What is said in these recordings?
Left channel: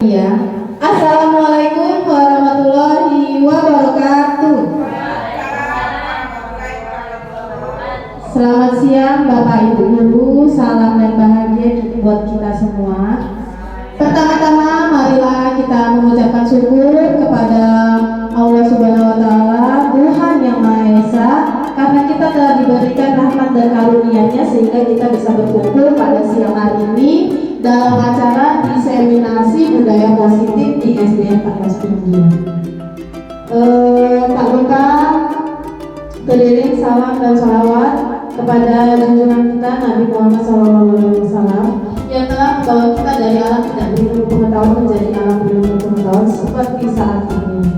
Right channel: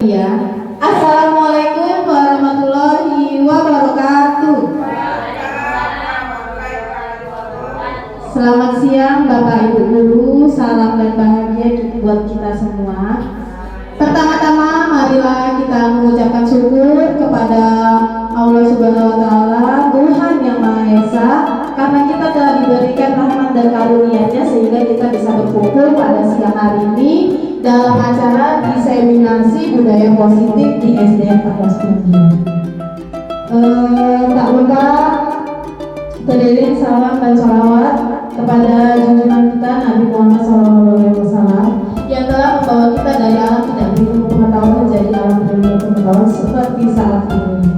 Ya. Assalamualaikum warahmatullahi wabarakatuh. Selamat siang Bapak Ibu Guru, salam dan bahagia buat kita semua. Pertama-tama marilah kita mengucapkan syukur kepada Allah Subhanahu wa Ta'ala, Tuhan yang Maha Esa, karena kita telah diberikan rahmat dan karunia-Nya sehingga kita bisa berkumpul pada siang hari ini dalam acara diseminasi budaya positif di SDN 14 tak lupa beriring salam dan salawat kepada junjungan kita Nabi Muhammad SAW yang telah membawa kita dari alam tidak berilmu pengetahuan menjadi alam berilmu pengetahuan seperti saat ini.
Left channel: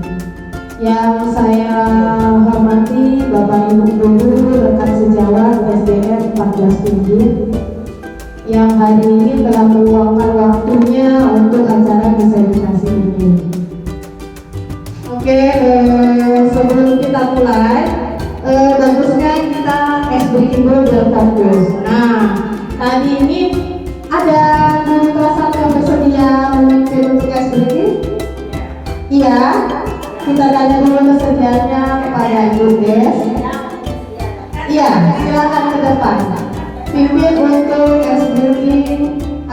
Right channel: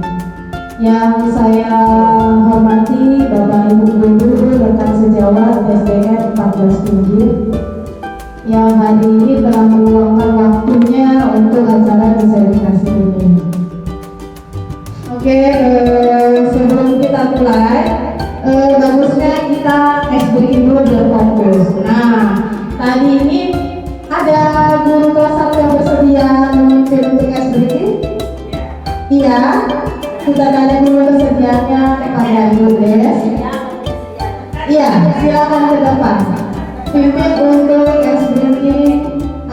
Yang saya hormati Bapak Ibu Guru, rekan sejawat SDN 14 yang hari ini telah meluangkan waktunya untuk acara diseminasi ini. Oke, sebelum kita mulai, bagusnya kita cash breaking dulu berfokus. Nah, tadi ini ada guru kelas 1 yang bersedia memimpin untuk cash breaking? Iya. Sudah ada dulu kesediaannya kepada Ibu Des? Iya, silakan ke depan. Pimpin untuk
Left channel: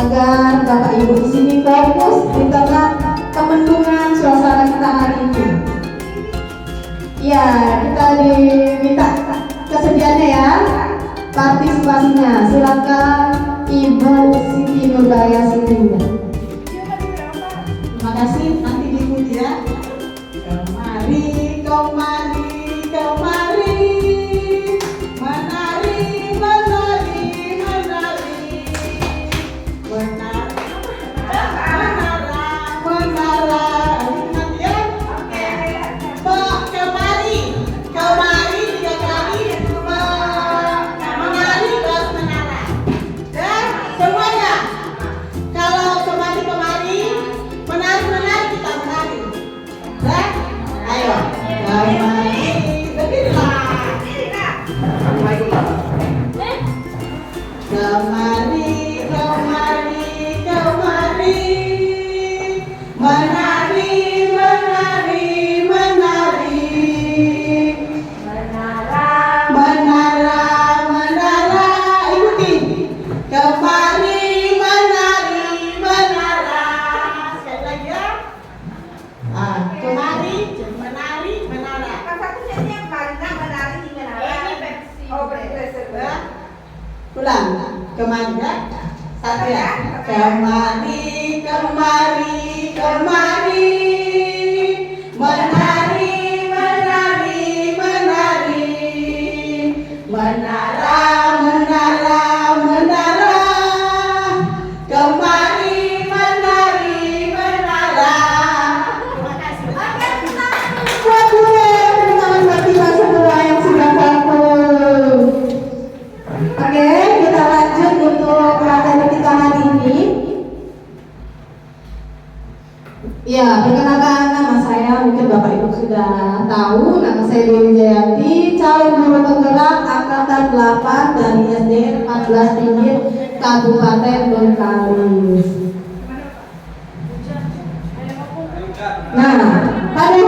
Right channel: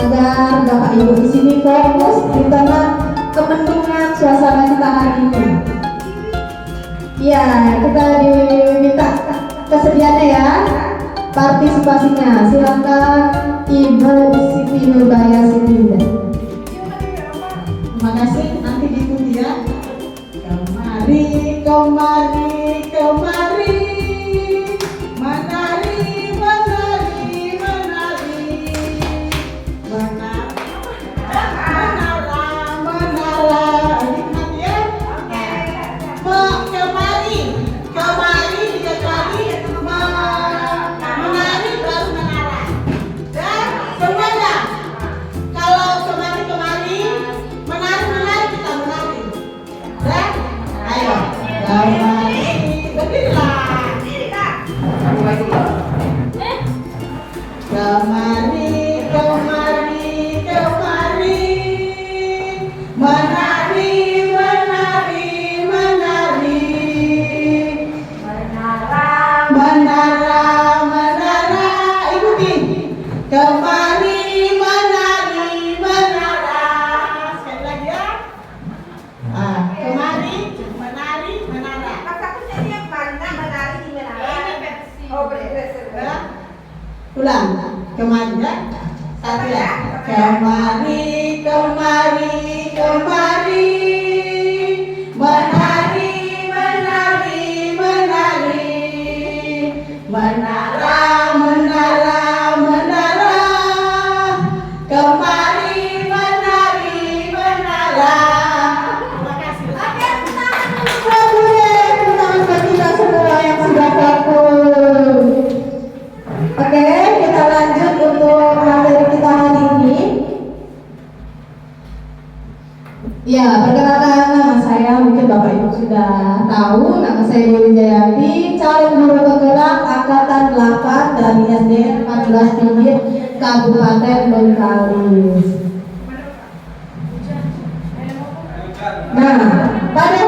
agar Bapak Ibu di sini fokus di tengah kepentingan suasana kita hari ini. Ya, kita diminta kesediaannya ya, partisipasinya. Silakan Ibu Siti Nurbaya Siti. Terima kasih, nanti diikuti ya. Kemari, kemari, kemari. Ya, perkenalkan nama saya, mungkin Bapak Ibu sudah tahu, nama saya Dewi Jayati, calon guru penggerak angkatan 8 dari SDN 14 Pinggir Kabupaten Bengkalis. Nah, pada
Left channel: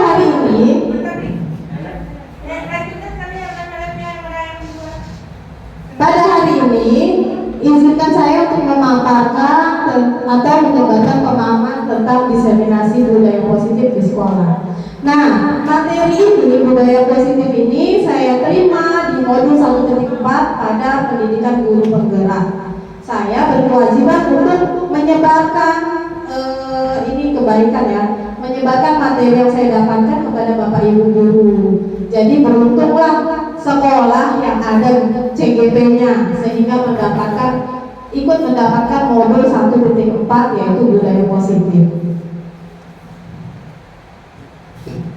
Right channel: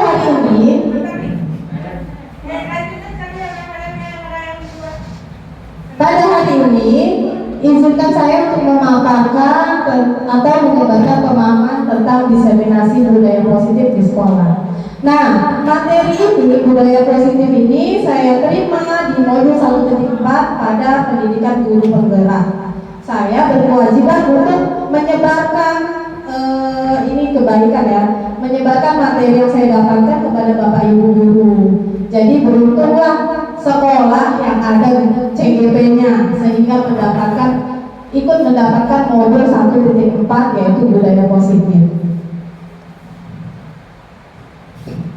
hari ini izinkan saya untuk memaparkan atau menyampaikan pemahaman tentang diseminasi budaya positif di sekolah. Nah, materi ini, budaya positif ini saya terima di modul 1.4 pada pendidikan guru penggerak. Saya berkewajiban untuk menyebarkan ini kebaikan ya, menyebarkan materi yang saya dapatkan kepada Bapak Ibu guru. Jadi beruntunglah sekolah yang ada CGP-nya sehingga ikut mendapatkan modul 1.4 yaitu budaya positif.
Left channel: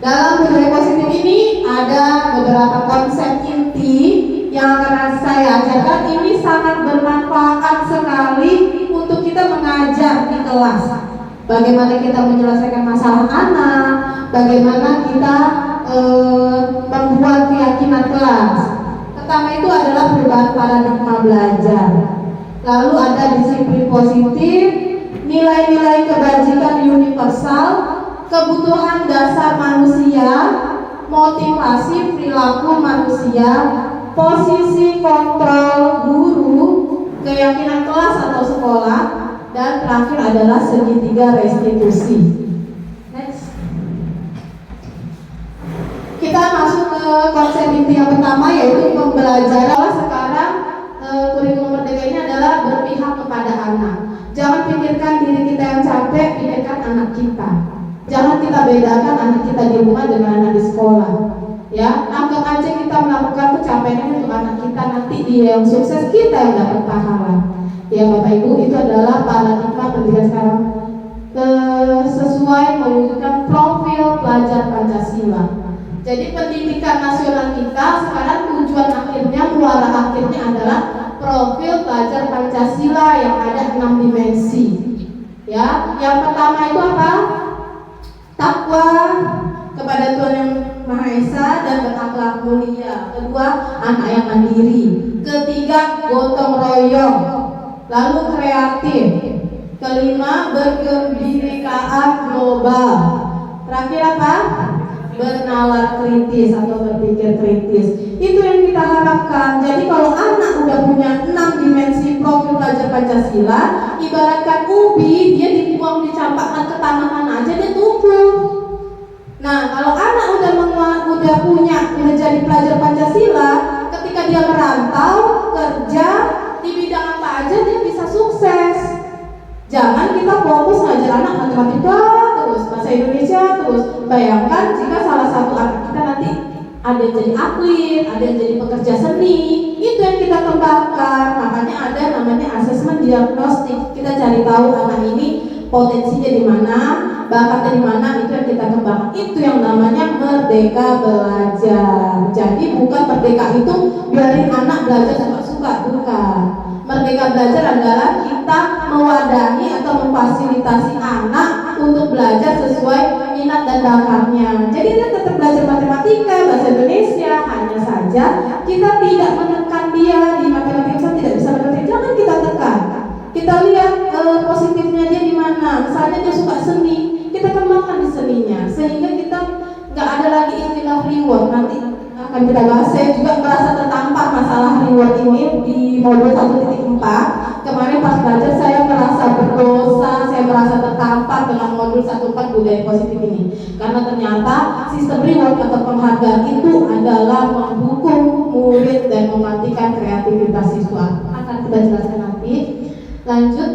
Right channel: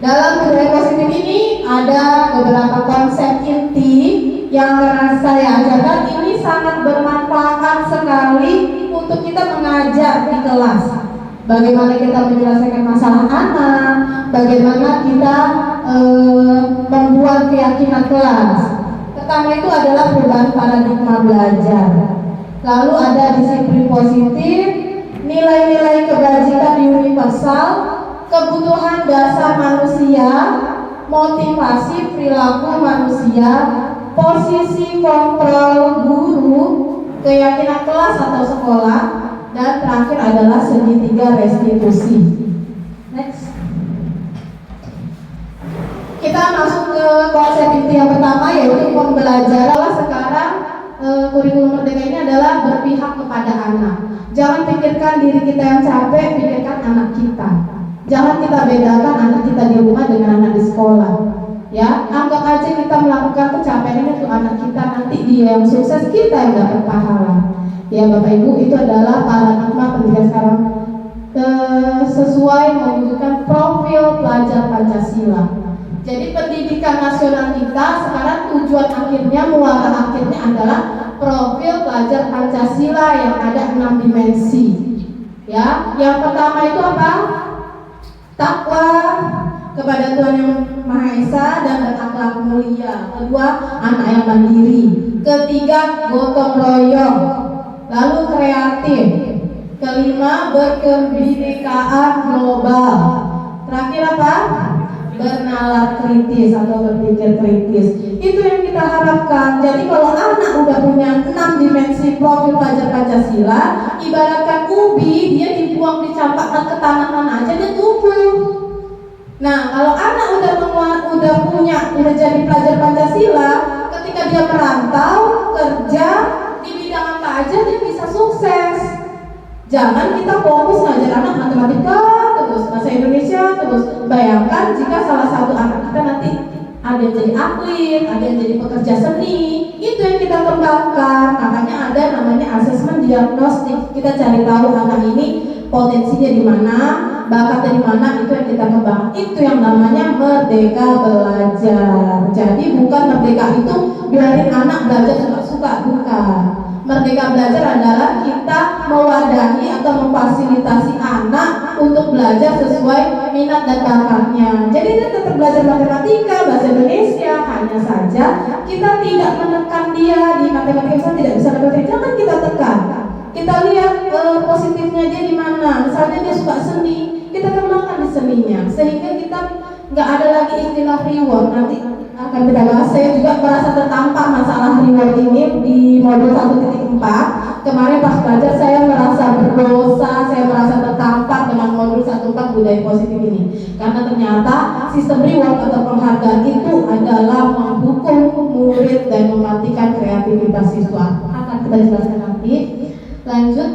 Dalam budaya positif ini ada beberapa konsep inti yang akan saya ajarkan. Ini sangat bermanfaat sekali untuk kita mengajar di kelas. Bagaimana kita menyelesaikan masalah anak, bagaimana kita membuat keyakinan kelas. Pertama itu adalah perubahan paradigma belajar. Lalu ada disiplin positif, nilai-nilai kebajikan universal, kebutuhan dasar manusia, motivasi perilaku manusia, posisi kontrol guru, keyakinan kelas atau sekolah, dan terakhir adalah segitiga restitusi. Next. Kita masuk ke konsep inti yang pertama, yaitu pembelajaran. Sekarang kurikulum merdeka ini adalah berpihak kepada anak. Jangan pikirkan diri kita yang capek, pikirkan anak kita. Jangan kita bedakan anak kita di rumah dengan anak di sekolah. Ya, anggap aja kita melakukan kecapean ini untuk anak kita, nanti dia yang sukses, kita yang dapat pahala. Ya Bapak Ibu, itu adalah paradigma pendidikan sekarang, sesuai mewujudkan profil pelajar Pancasila. Jadi pendidikan nasional kita sekarang tujuan akhirnya, muara akhirnya adalah profil pelajar Pancasila yang ada 6 dimensi. Ya, yang pertama itu apa? Takwa kepada Tuhan Yang Maha Esa dan berakhlak mulia. Kedua, anak yang mandiri. Ketiga, gotong royong. Lalu kreatif. Kelima, berkebinekaan global. Terakhir apa? Bernalar kritis atau berpikir kritis. Itu yang kita harapkan. Jadi kalau anak udah punya 6 dimensi profil pelajar Pancasila, ibaratkan ubi, dia dibuang, dicampakkan ke tanah aja, dia tumbuh. Nah, kalau anak udah jadi pelajar Pancasila, ketika dia merantau, kerja di bidang apa aja, dia bisa sukses. Jangan kita fokus ngajar anak matematika terus, bahasa Indonesia terus. Bayangkan jika salah satu anak kita nanti ada yang jadi atlet, ada yang jadi pekerja seni, itu yang kita kembangkan. Makanya ada namanya asesmen diagnostik. Kita cari tahu anak ini potensinya di mana, bakatnya di mana, itu yang kita kembangkan. Itu yang namanya merdeka belajar. Jadi bukan merdeka itu biarin anak belajar suka-suka, bukan. Merdeka belajar adalah kita mewadahi atau memfasilitasi anak untuk belajar sesuai minat dan bakatnya. Jadi dia tetap belajar matematika, bahasa Indonesia, hanya saja kita tidak menekan dia di matematika, tidak bisa matematika, jangan kita tekan. Kita lihat positifnya dia di mana. Misalnya dia suka seni, kita kembangkan di seninya, sehingga kita nggak ada lagi istilah reward. Nanti akan kita bahas. Saya juga merasa tertampar masalah reward ini di modul 1.4. Kemarin pas belajar saya merasa berdosa, saya merasa tertampar dengan modul 1.4 budaya positif ini. Karena ternyata sistem reward atau penghargaan itu adalah menghukum murid dan mematikan kreativitas siswa. Akan kita jelaskan nanti. Lanjut.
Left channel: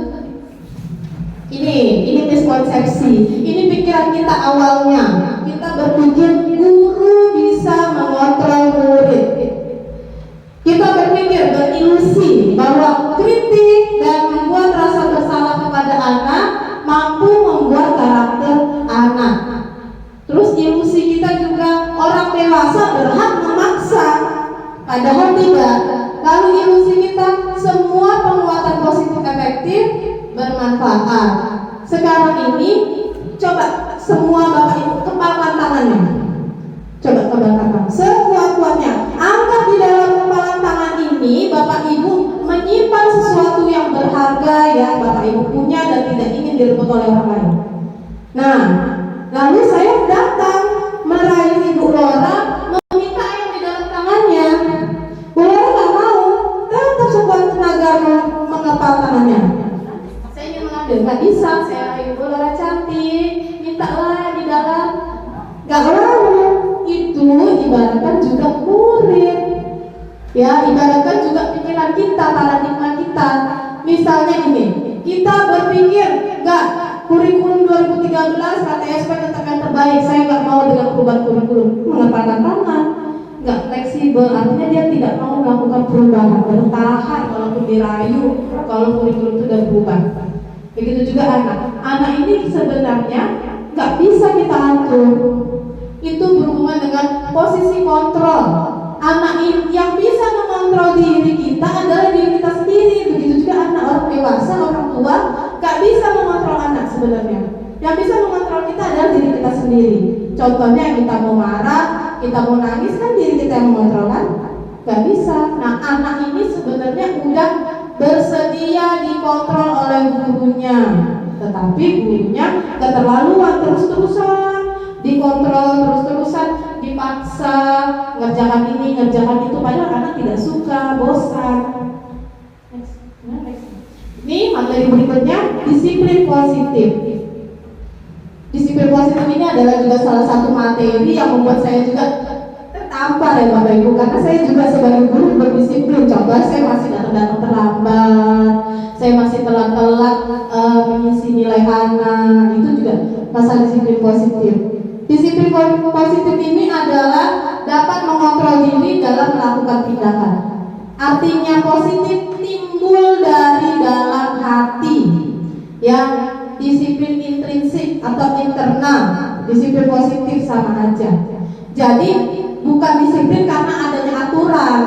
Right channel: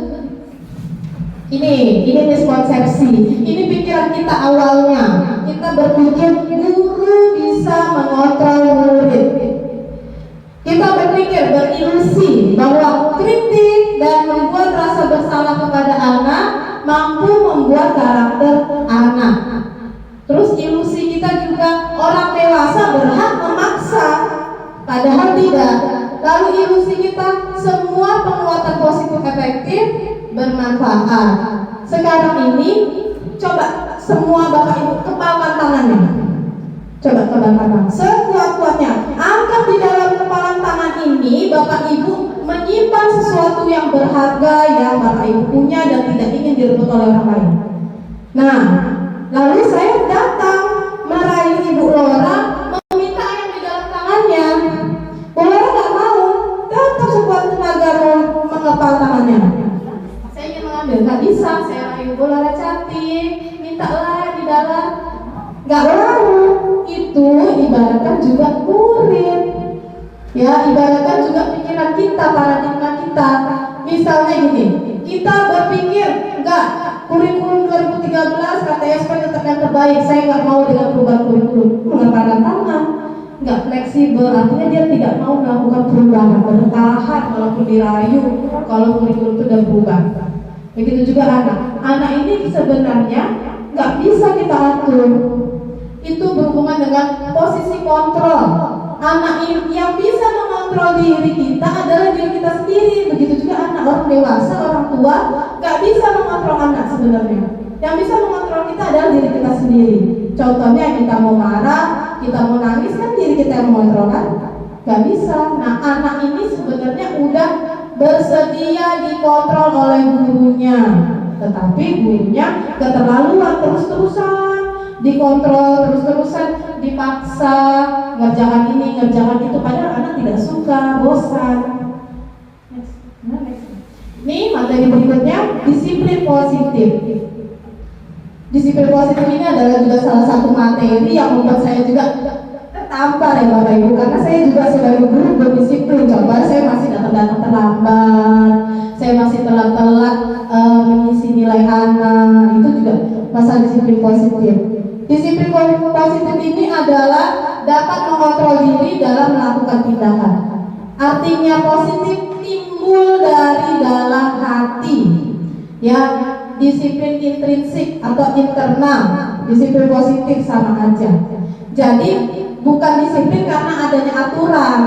Ini miskonsepsi. Ini pikiran kita awalnya. Kita berpikir guru bisa mengontrol murid. Kita berpikir, berilusi bahwa kritik dan membuat rasa bersalah kepada anak mampu membuat karakter anak. Terus ilusi kita juga orang dewasa berhak memaksa, padahal tidak. Lalu ilusi kita semua penguatan positif efektif bermanfaat. Sekarang ini coba semua Bapak Ibu kepalkan tangannya. Coba kepalkan tangan sekuat-kuatnya. Angkat di dalam kepalan tangan ini Bapak Ibu menyimpan sesuatu yang berharga yang Bapak Ibu punya dan tidak ingin direbut oleh orang lain. Nah, lalu saya datang meraih Ibu Lora, meminta yang di dalam tangannya. Bu Lora nggak mau, tetap sekuat tenaga mengepal tangannya. Saya ingin mengambil, nggak bisa. Saya raih Bu Lora cantik, mintalah di dalam, nggak mau. Itu ibaratkan juga murid. Ya, ibaratkan juga pikiran kita, paradigma kita. Misalnya ini, kita berpikir, enggak, kurikulum 2013 KTSP tetap yang terbaik, saya enggak mau dengan perubahan kurikulum. Mengepalkan tangan, enggak fleksibel, artinya dia tidak mau melakukan perubahan, bertahan walaupun dirayu kalau kurikulum itu sudah berubah. Begitu juga anak ini sebenarnya enggak bisa kita atur. Itu berhubungan dengan posisi kontrol. Anak yang bisa mengontrol diri kita adalah diri kita sendiri. Begitu juga anak, orang dewasa, orang tua gak bisa mengontrol anak sebenarnya. Yang bisa mengontrol kita adalah diri kita sendiri. Contohnya kita mau marah, kita mau nangis, kan diri kita yang mengontrol kan? Gak bisa. Nah, anak ini sebenarnya udah bersedia dikontrol oleh gurunya. tetapi gurunya keterlaluan, terus-terusan dikontrol, terus-terusan dipaksa ngerjakan ini, ngerjakan itu, padahal anak tidak suka, bosan. Next. Ini materi berikutnya, disiplin positif. Disiplin positif ini adalah juga salah satu materi yang membuat saya juga tertampar ya Bapak Ibu, karena saya juga sebagai guru berdisiplin. Coba saya masih datang terlambat, saya masih telat mengisi nilai anak, itu juga masalah disiplin positif. Disiplin positif ini adalah dapat mengontrol diri dalam melakukan tindakan. Artinya positif timbul dari dalam hati, ya. Disiplin intrinsik atau internal, disiplin positif sama aja. Jadi bukan disiplin karena adanya aturan,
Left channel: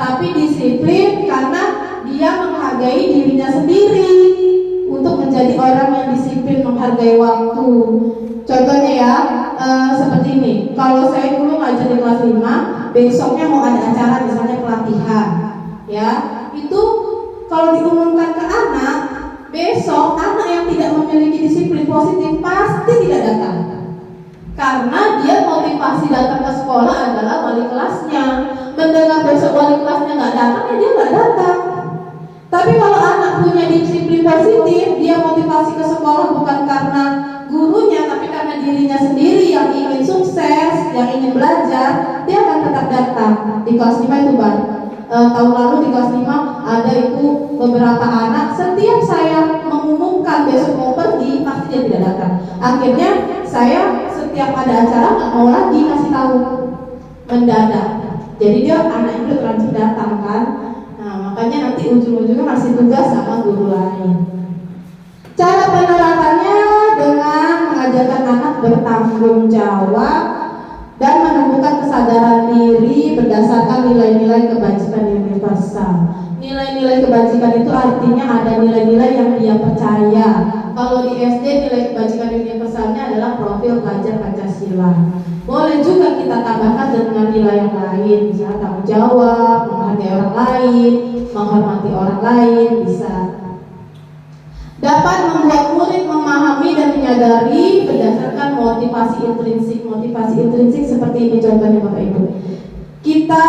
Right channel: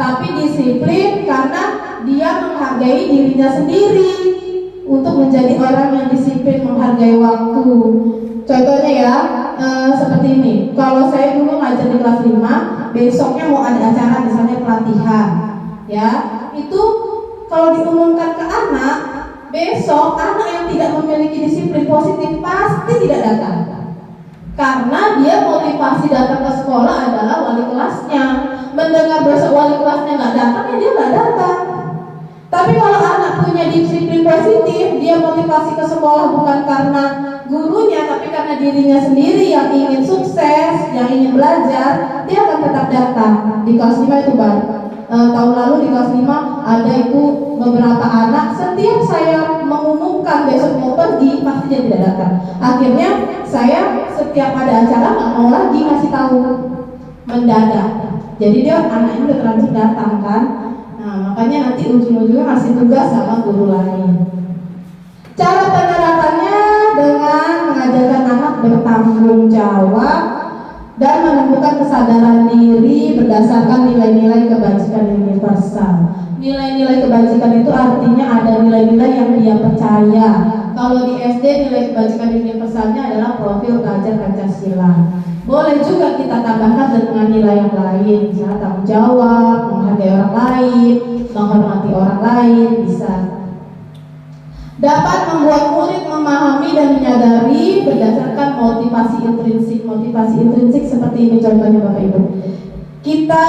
tapi disiplin karena dia menghargai dirinya sendiri untuk menjadi orang yang disiplin, menghargai waktu. Contohnya ya, seperti ini. Kalau saya dulu ngajar di kelas 5, besoknya mau ada acara misalnya pelatihan, ya, itu kalau diumumkan ke anak, besok anak yang tidak memiliki disiplin positif pasti tidak datang. Karena dia motivasi datang ke sekolah adalah wali kelasnya. Mendengar besok wali kelasnya nggak datang, ya dia nggak datang. Tapi kalau anak punya disiplin positif, dia motivasi ke sekolah bukan karena gurunya, tapi karena dirinya sendiri yang ingin sukses, yang ingin belajar, dia akan tetap datang. Di kelas 5 itu banyak. Tahun lalu di kelas 5 ada itu beberapa anak, setiap saya mengumumkan besok mau pergi, pasti dia tidak datang. Akhirnya saya setiap ada acara nggak mau lagi kasih tahu, mendadak. Jadi dia anak itu terlanjur datang kan. Nah, makanya nanti ujung-ujungnya masih tugas sama guru lain. Cara penerapannya dengan mengajarkan anak bertanggung jawab dan menumbuhkan kesadaran diri berdasarkan nilai-nilai kebajikan universal. Nilai-nilai kebajikan itu artinya ada nilai-nilai yang dia percaya. Kalau di SD nilai kebajikan universalnya adalah profil pelajar Pancasila. Boleh juga kita tambahkan dengan nilai yang lain, misalnya tanggung jawab, menghargai orang lain, menghormati orang lain, bisa. Dapat membuat murid memahami dan menyadari berdasarkan motivasi intrinsik. Motivasi intrinsik seperti ini contohnya Bapak Ibu. Kita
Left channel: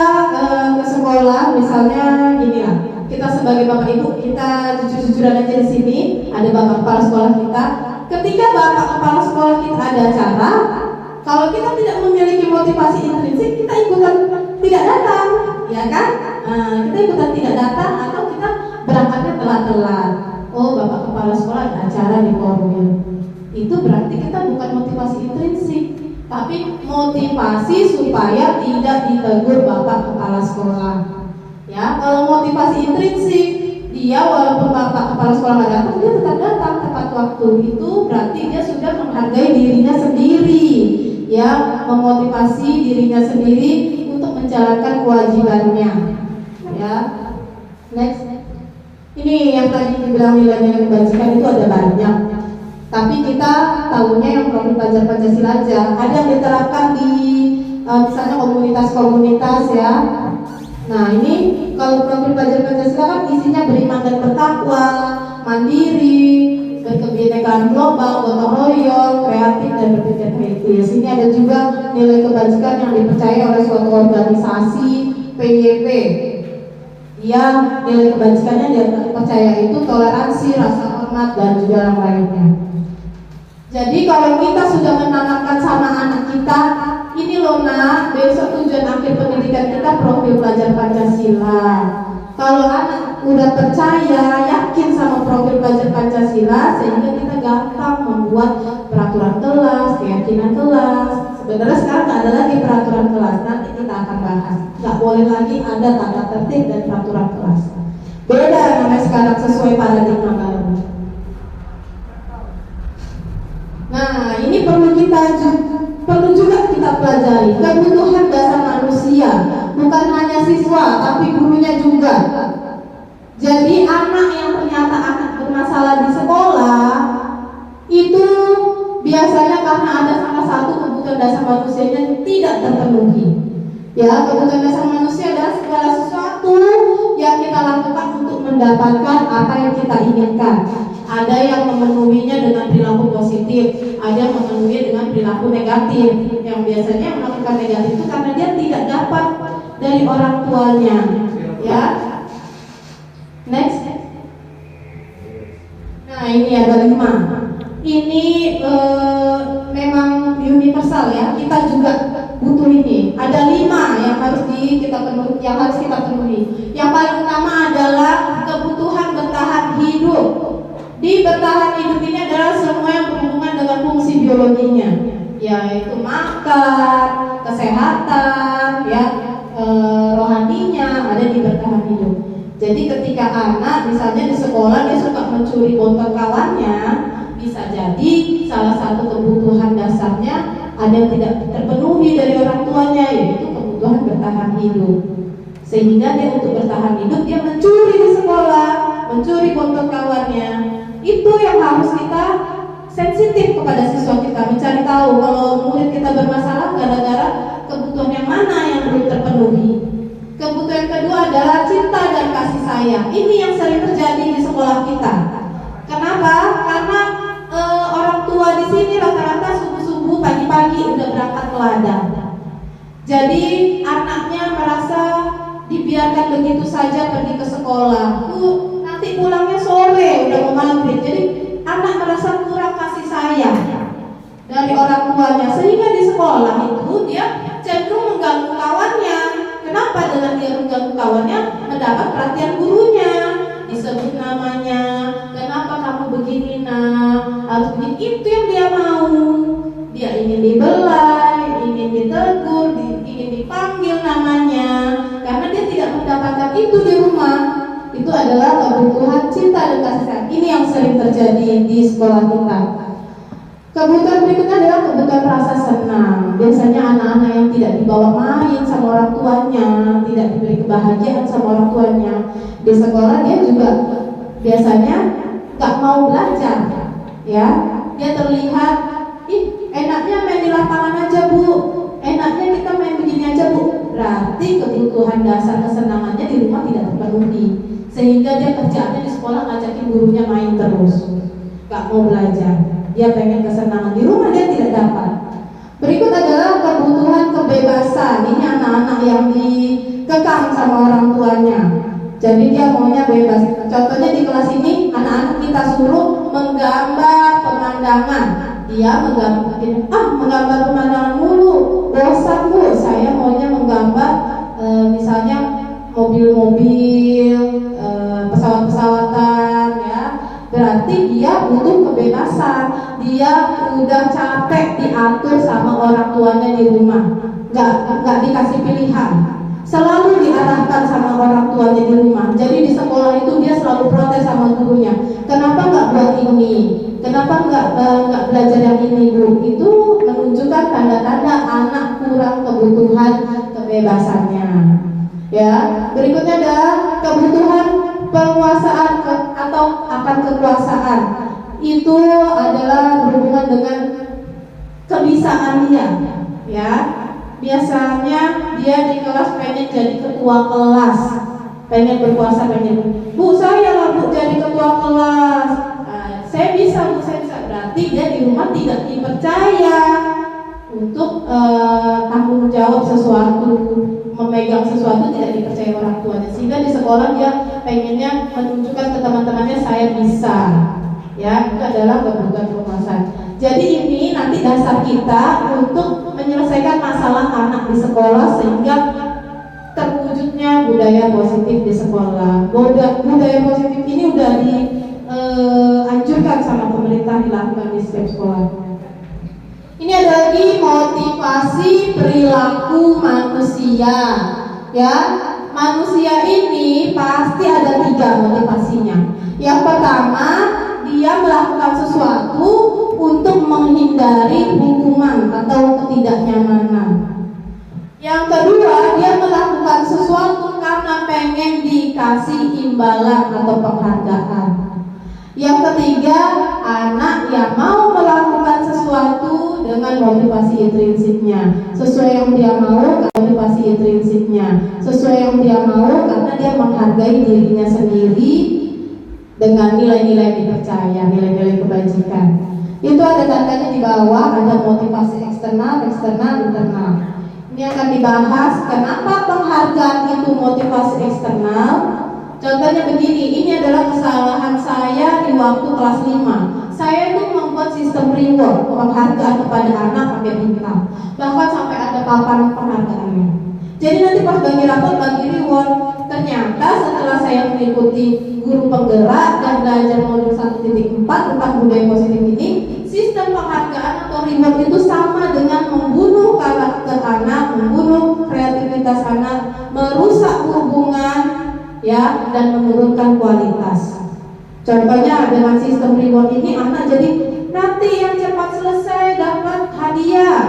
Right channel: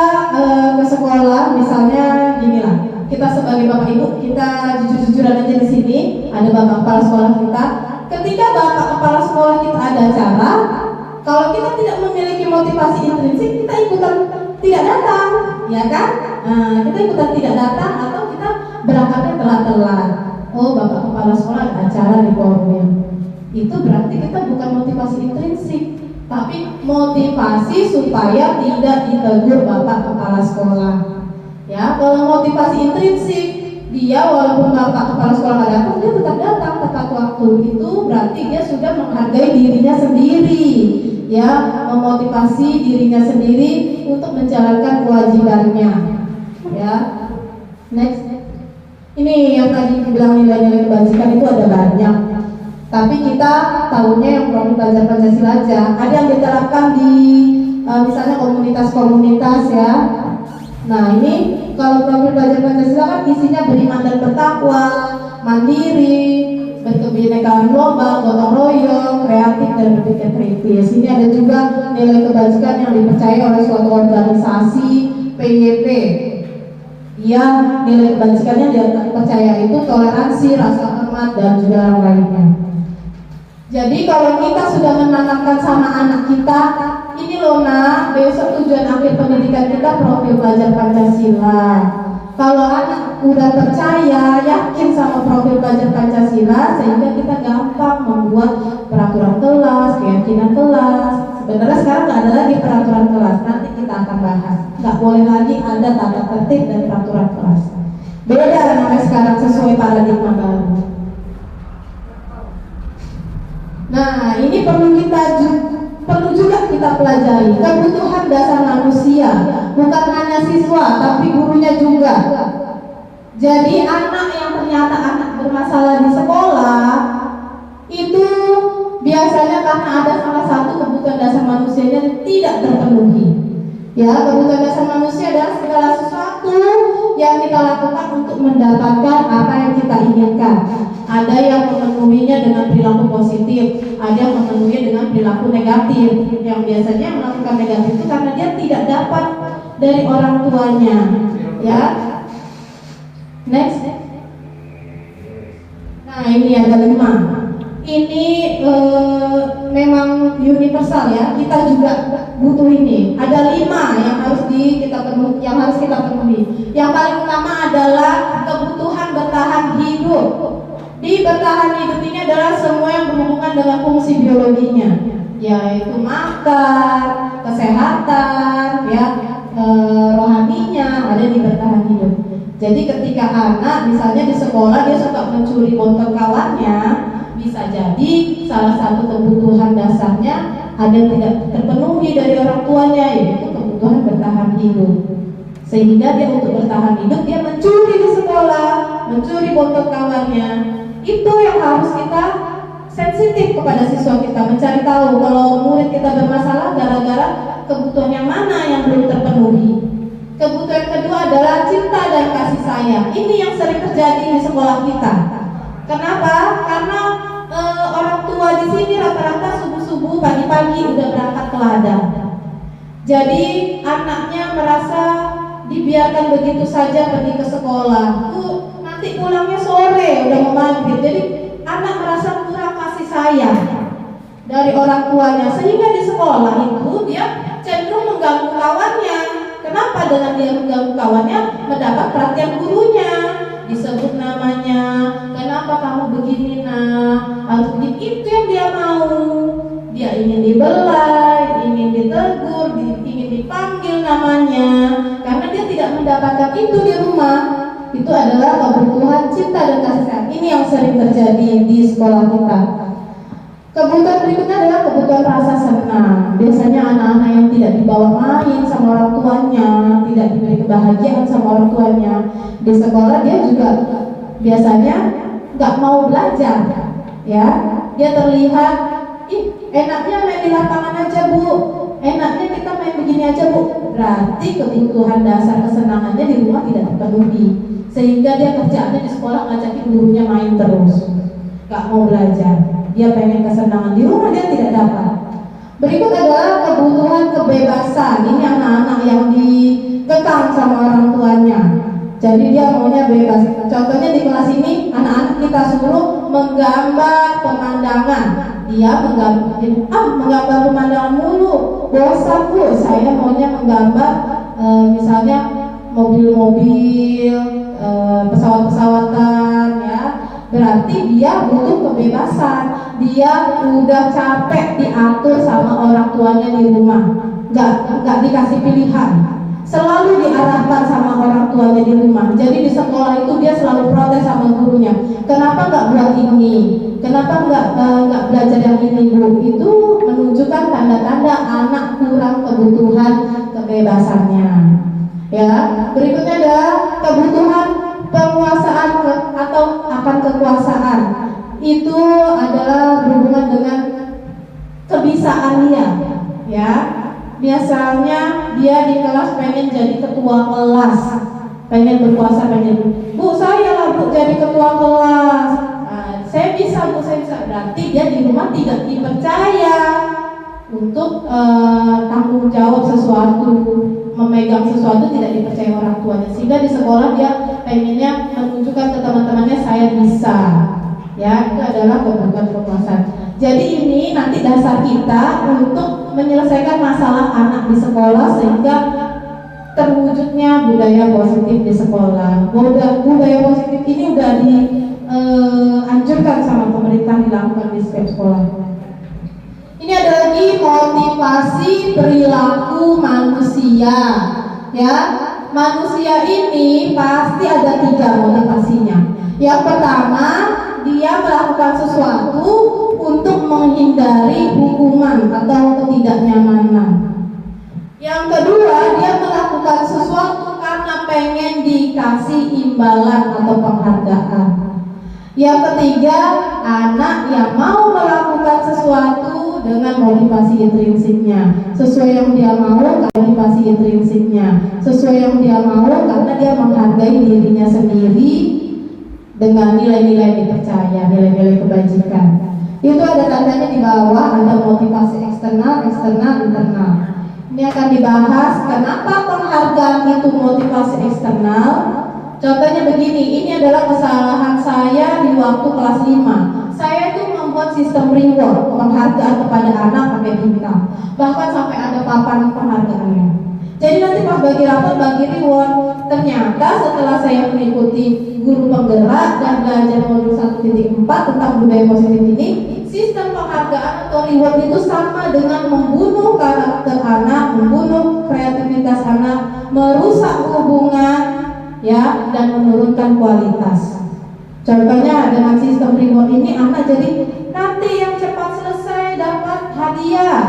ke sekolah, misalnya ginilah. Kita sebagai Bapak Ibu, kita jujur-jujuran aja di sini. Ada Bapak Kepala Sekolah kita. Ketika Bapak Kepala Sekolah kita ada acara, kalau kita tidak memiliki motivasi intrinsik, kita ikutan tidak datang, ya kan? Kita ikutan tidak datang atau kita berangkatnya telat-telat. Oh, Bapak Kepala Sekolah ada acara di Korwil. Itu berarti kita bukan motivasi intrinsik, tapi motivasi supaya tidak ditegur Bapak Kepala Sekolah. Ya, kalau motivasi intrinsik, dia walaupun Bapak Kepala Sekolah nggak datang, dia tetap datang tepat waktu. Itu berarti dia sudah menghargai dirinya sendiri, ya, memotivasi dirinya sendiri untuk menjalankan kewajibannya. Ya, next. Ini yang tadi dibilang nilai-nilai kebajikan itu ada banyak. Tapi kita tahunya yang profil pelajar Pancasila aja. Ada yang diterapkan di misalnya komunitas-komunitas ya. Nah ini kalau profil pelajar Pancasila kan isinya beriman dan bertakwa, mandiri, berkebinekaan global, gotong royong, kreatif dan berpikir kritis. Ini ada juga nilai kebajikan yang dipercaya oleh suatu organisasi PYP. Ya, nilai kebajikannya yang dipercaya itu toleransi, rasa hormat dan juga yang lainnya. Jadi kalau kita sudah menanamkan sama anak kita, ini loh nak, besok tujuan akhir pendidikan kita profil pelajar Pancasila. Kalau anak udah percaya, yakin sama profil pelajar Pancasila, sehingga kita gampang membuat peraturan kelas, keyakinan kelas. Sebenarnya sekarang nggak ada lagi peraturan kelas, nanti kita akan bahas. Nggak boleh lagi ada tata tertib dan peraturan kelas. Beda namanya sekarang sesuai paradigma baru. Nah, ini perlu juga kita pelajari kebutuhan dasar manusia, bukan hanya siswa tapi gurunya juga. Jadi anak yang ternyata anak bermasalah di sekolah itu biasanya karena ada salah satu kebutuhan dasar manusianya tidak terpenuhi. Ya, kebutuhan dasar manusia adalah segala sesuatu yang kita lakukan untuk mendapatkan apa yang kita inginkan. Ada yang memenuhinya dengan perilaku positif, ada yang memenuhinya dengan perilaku negatif. Yang biasanya melakukan negatif itu karena dia tidak dapat dari orang tuanya. Ya. Next. Nah, ini ada 5. Ini memang universal ya. Kita juga butuh ini. Ada 5 yang harus kita penuhi. Yang paling utama adalah kebutuhan bertahan hidup. Di bertahan hidup ini adalah semua yang berhubungan dengan fungsi biologinya, yaitu makan, kesehatan, ya, rohaninya ada di bertahan hidup. Jadi ketika anak misalnya di sekolah dia suka mencuri bontot kawannya, bisa jadi salah satu kebutuhan dasarnya ada yang tidak terpenuhi dari orang tuanya, yaitu kebutuhan bertahan hidup. Sehingga dia untuk bertahan hidup dia mencuri di sekolah, mencuri bontot kawannya. Itu yang harus kita sensitif kepada siswa kita, mencari tahu kalau murid kita bermasalah gara-gara kebutuhan yang mana yang belum terpenuhi. Kebutuhan kedua adalah cinta dan kasih sayang. Ini yang sering terjadi di sekolah kita. Kenapa? Karena orang tua di sini rata-rata subuh-subuh pagi-pagi udah berangkat ke ladang. Jadi anaknya merasa dibiarkan begitu saja pergi ke sekolah. Nanti pulangnya sore udah mau maghrib. Jadi anak merasa kurang kasih sayang dari orang tuanya, sehingga di sekolah itu dia cenderung mengganggu kawannya. Kenapa? Dengan dia mengganggu kawannya mendapat perhatian gurunya, disebut namanya, kenapa kamu begini nak, harus begini. Itu yang dia mau. Dia ingin dibelai, ingin ditegur, ingin dipanggil namanya, karena dia tidak mendapatkan itu di rumah. Itu adalah kebutuhan cinta dan kasih sayang. Ini yang sering terjadi di sekolah kita. Kebutuhan berikutnya adalah kebutuhan rasa senang. Biasanya anak-anak yang tidak dibawa main sama orang tuanya, tidak diberi kebahagiaan sama orang tuanya, di sekolah dia juga biasanya nggak mau belajar. Ya, dia terlihat, enaknya main di lapangan aja bu, enaknya kita main begini aja bu. Berarti kebutuhan dasar kesenangannya di rumah tidak terpenuhi, sehingga dia kerjaannya di sekolah ngajakin gurunya main terus, nggak mau belajar. Dia pengen kesenangan di rumah, dia tidak dapat. Berikut adalah kebutuhan kebebasan. Ini anak-anak yang dikekang sama orang tuanya, jadi dia maunya bebas. Contohnya di kelas ini anak-anak kita suruh menggambar pemandangan. Dia menggambar pemandangan mulu, bosan bu, saya maunya menggambar misalnya mobil-mobil, pesawat-pesawatan, ya. Berarti dia butuh kebebasan. Dia udah capek diatur sama orang tuanya di rumah, nggak dikasih pilihan, selalu diarahkan sama orang tuanya di rumah. Jadi di sekolah itu dia selalu protes sama gurunya, kenapa nggak buat ini, kenapa nggak belajar yang ini bu. Itu menunjukkan tanda-tanda anak kurang kebutuhan kebebasannya. Ya, berikutnya adalah kebutuhan penguasaan atau akan kekuasaan. Itu adalah berhubungan dengan kebisaan dia. Ya, biasanya dia di kelas pengen jadi ketua kelas, pengen berkuasa, pengen, bu saya lah bu jadi ketua kelas. Saya bisa bu, saya bisa. Berarti dia di rumah tidak dipercaya untuk tanggung jawab sesuatu, memegang sesuatu, tidak dipercaya orang tuanya. Sehingga di sekolah dia pengennya menunjukkan ke teman-temannya saya bisa. Ya, itu adalah kebutuhan penguasaan. Jadi ini nanti dasar kita untuk menyelesaikan masalah anak di sekolah, sehingga terwujudnya budaya positif di sekolah. Budaya positif ini udah dianjurkan sama pemerintah, dilakukan di setiap sekolah. Ini ada lagi motivasi perilaku manusia. Ya, manusia ini pasti ada 3 motivasinya. Yang pertama, dia melakukan sesuatu untuk menghindari hukuman atau ketidaknyamanan. Yang kedua, dia melakukan sesuatu karena pengen dikasih imbalan atau penghargaan. Yang ketiga, anak yang mau melakukan sesuatu dengan motivasi intrinsiknya, sesuai yang dia mau, motivasi intrinsiknya sesuai yang dia mau karena dia menghargai dirinya sendiri dengan nilai-nilai dipercaya, nilai-nilai kebajikan. Itu ada tandanya di bawah, ada motivasi eksternal, internal. Ini akan dibahas kenapa penghargaan itu motivasi eksternal. Contohnya begini, ini adalah kesalahan saya di waktu kelas 5. Saya itu membuat sistem reward, penghargaan kepada anak pakai bintang. Bahkan sampai ada papan penghargaannya. Jadi nanti pas bagi rapot, bagi reward. Ternyata setelah saya mengikuti guru penggerak dan belajar modul 1.4 tentang budaya positif ini, sistem penghargaan atau reward itu sama dengan membunuh karakter anak, membunuh kreativitas anak, merusak hubungan, ya, dan menurunkan kualitas. Contohnya dengan sistem reward ini anak jadi nanti yang cepat selesai dapat hadiah.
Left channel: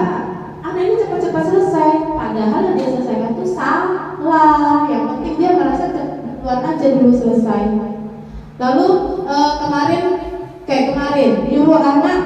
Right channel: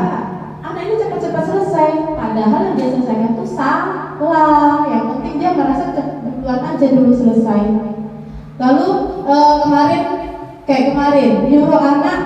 Anak ini cepat-cepat selesai, padahal yang dia selesaikan itu salah. Yang penting dia merasa duluan aja dulu selesai. Lalu kemarin nyuruh anak,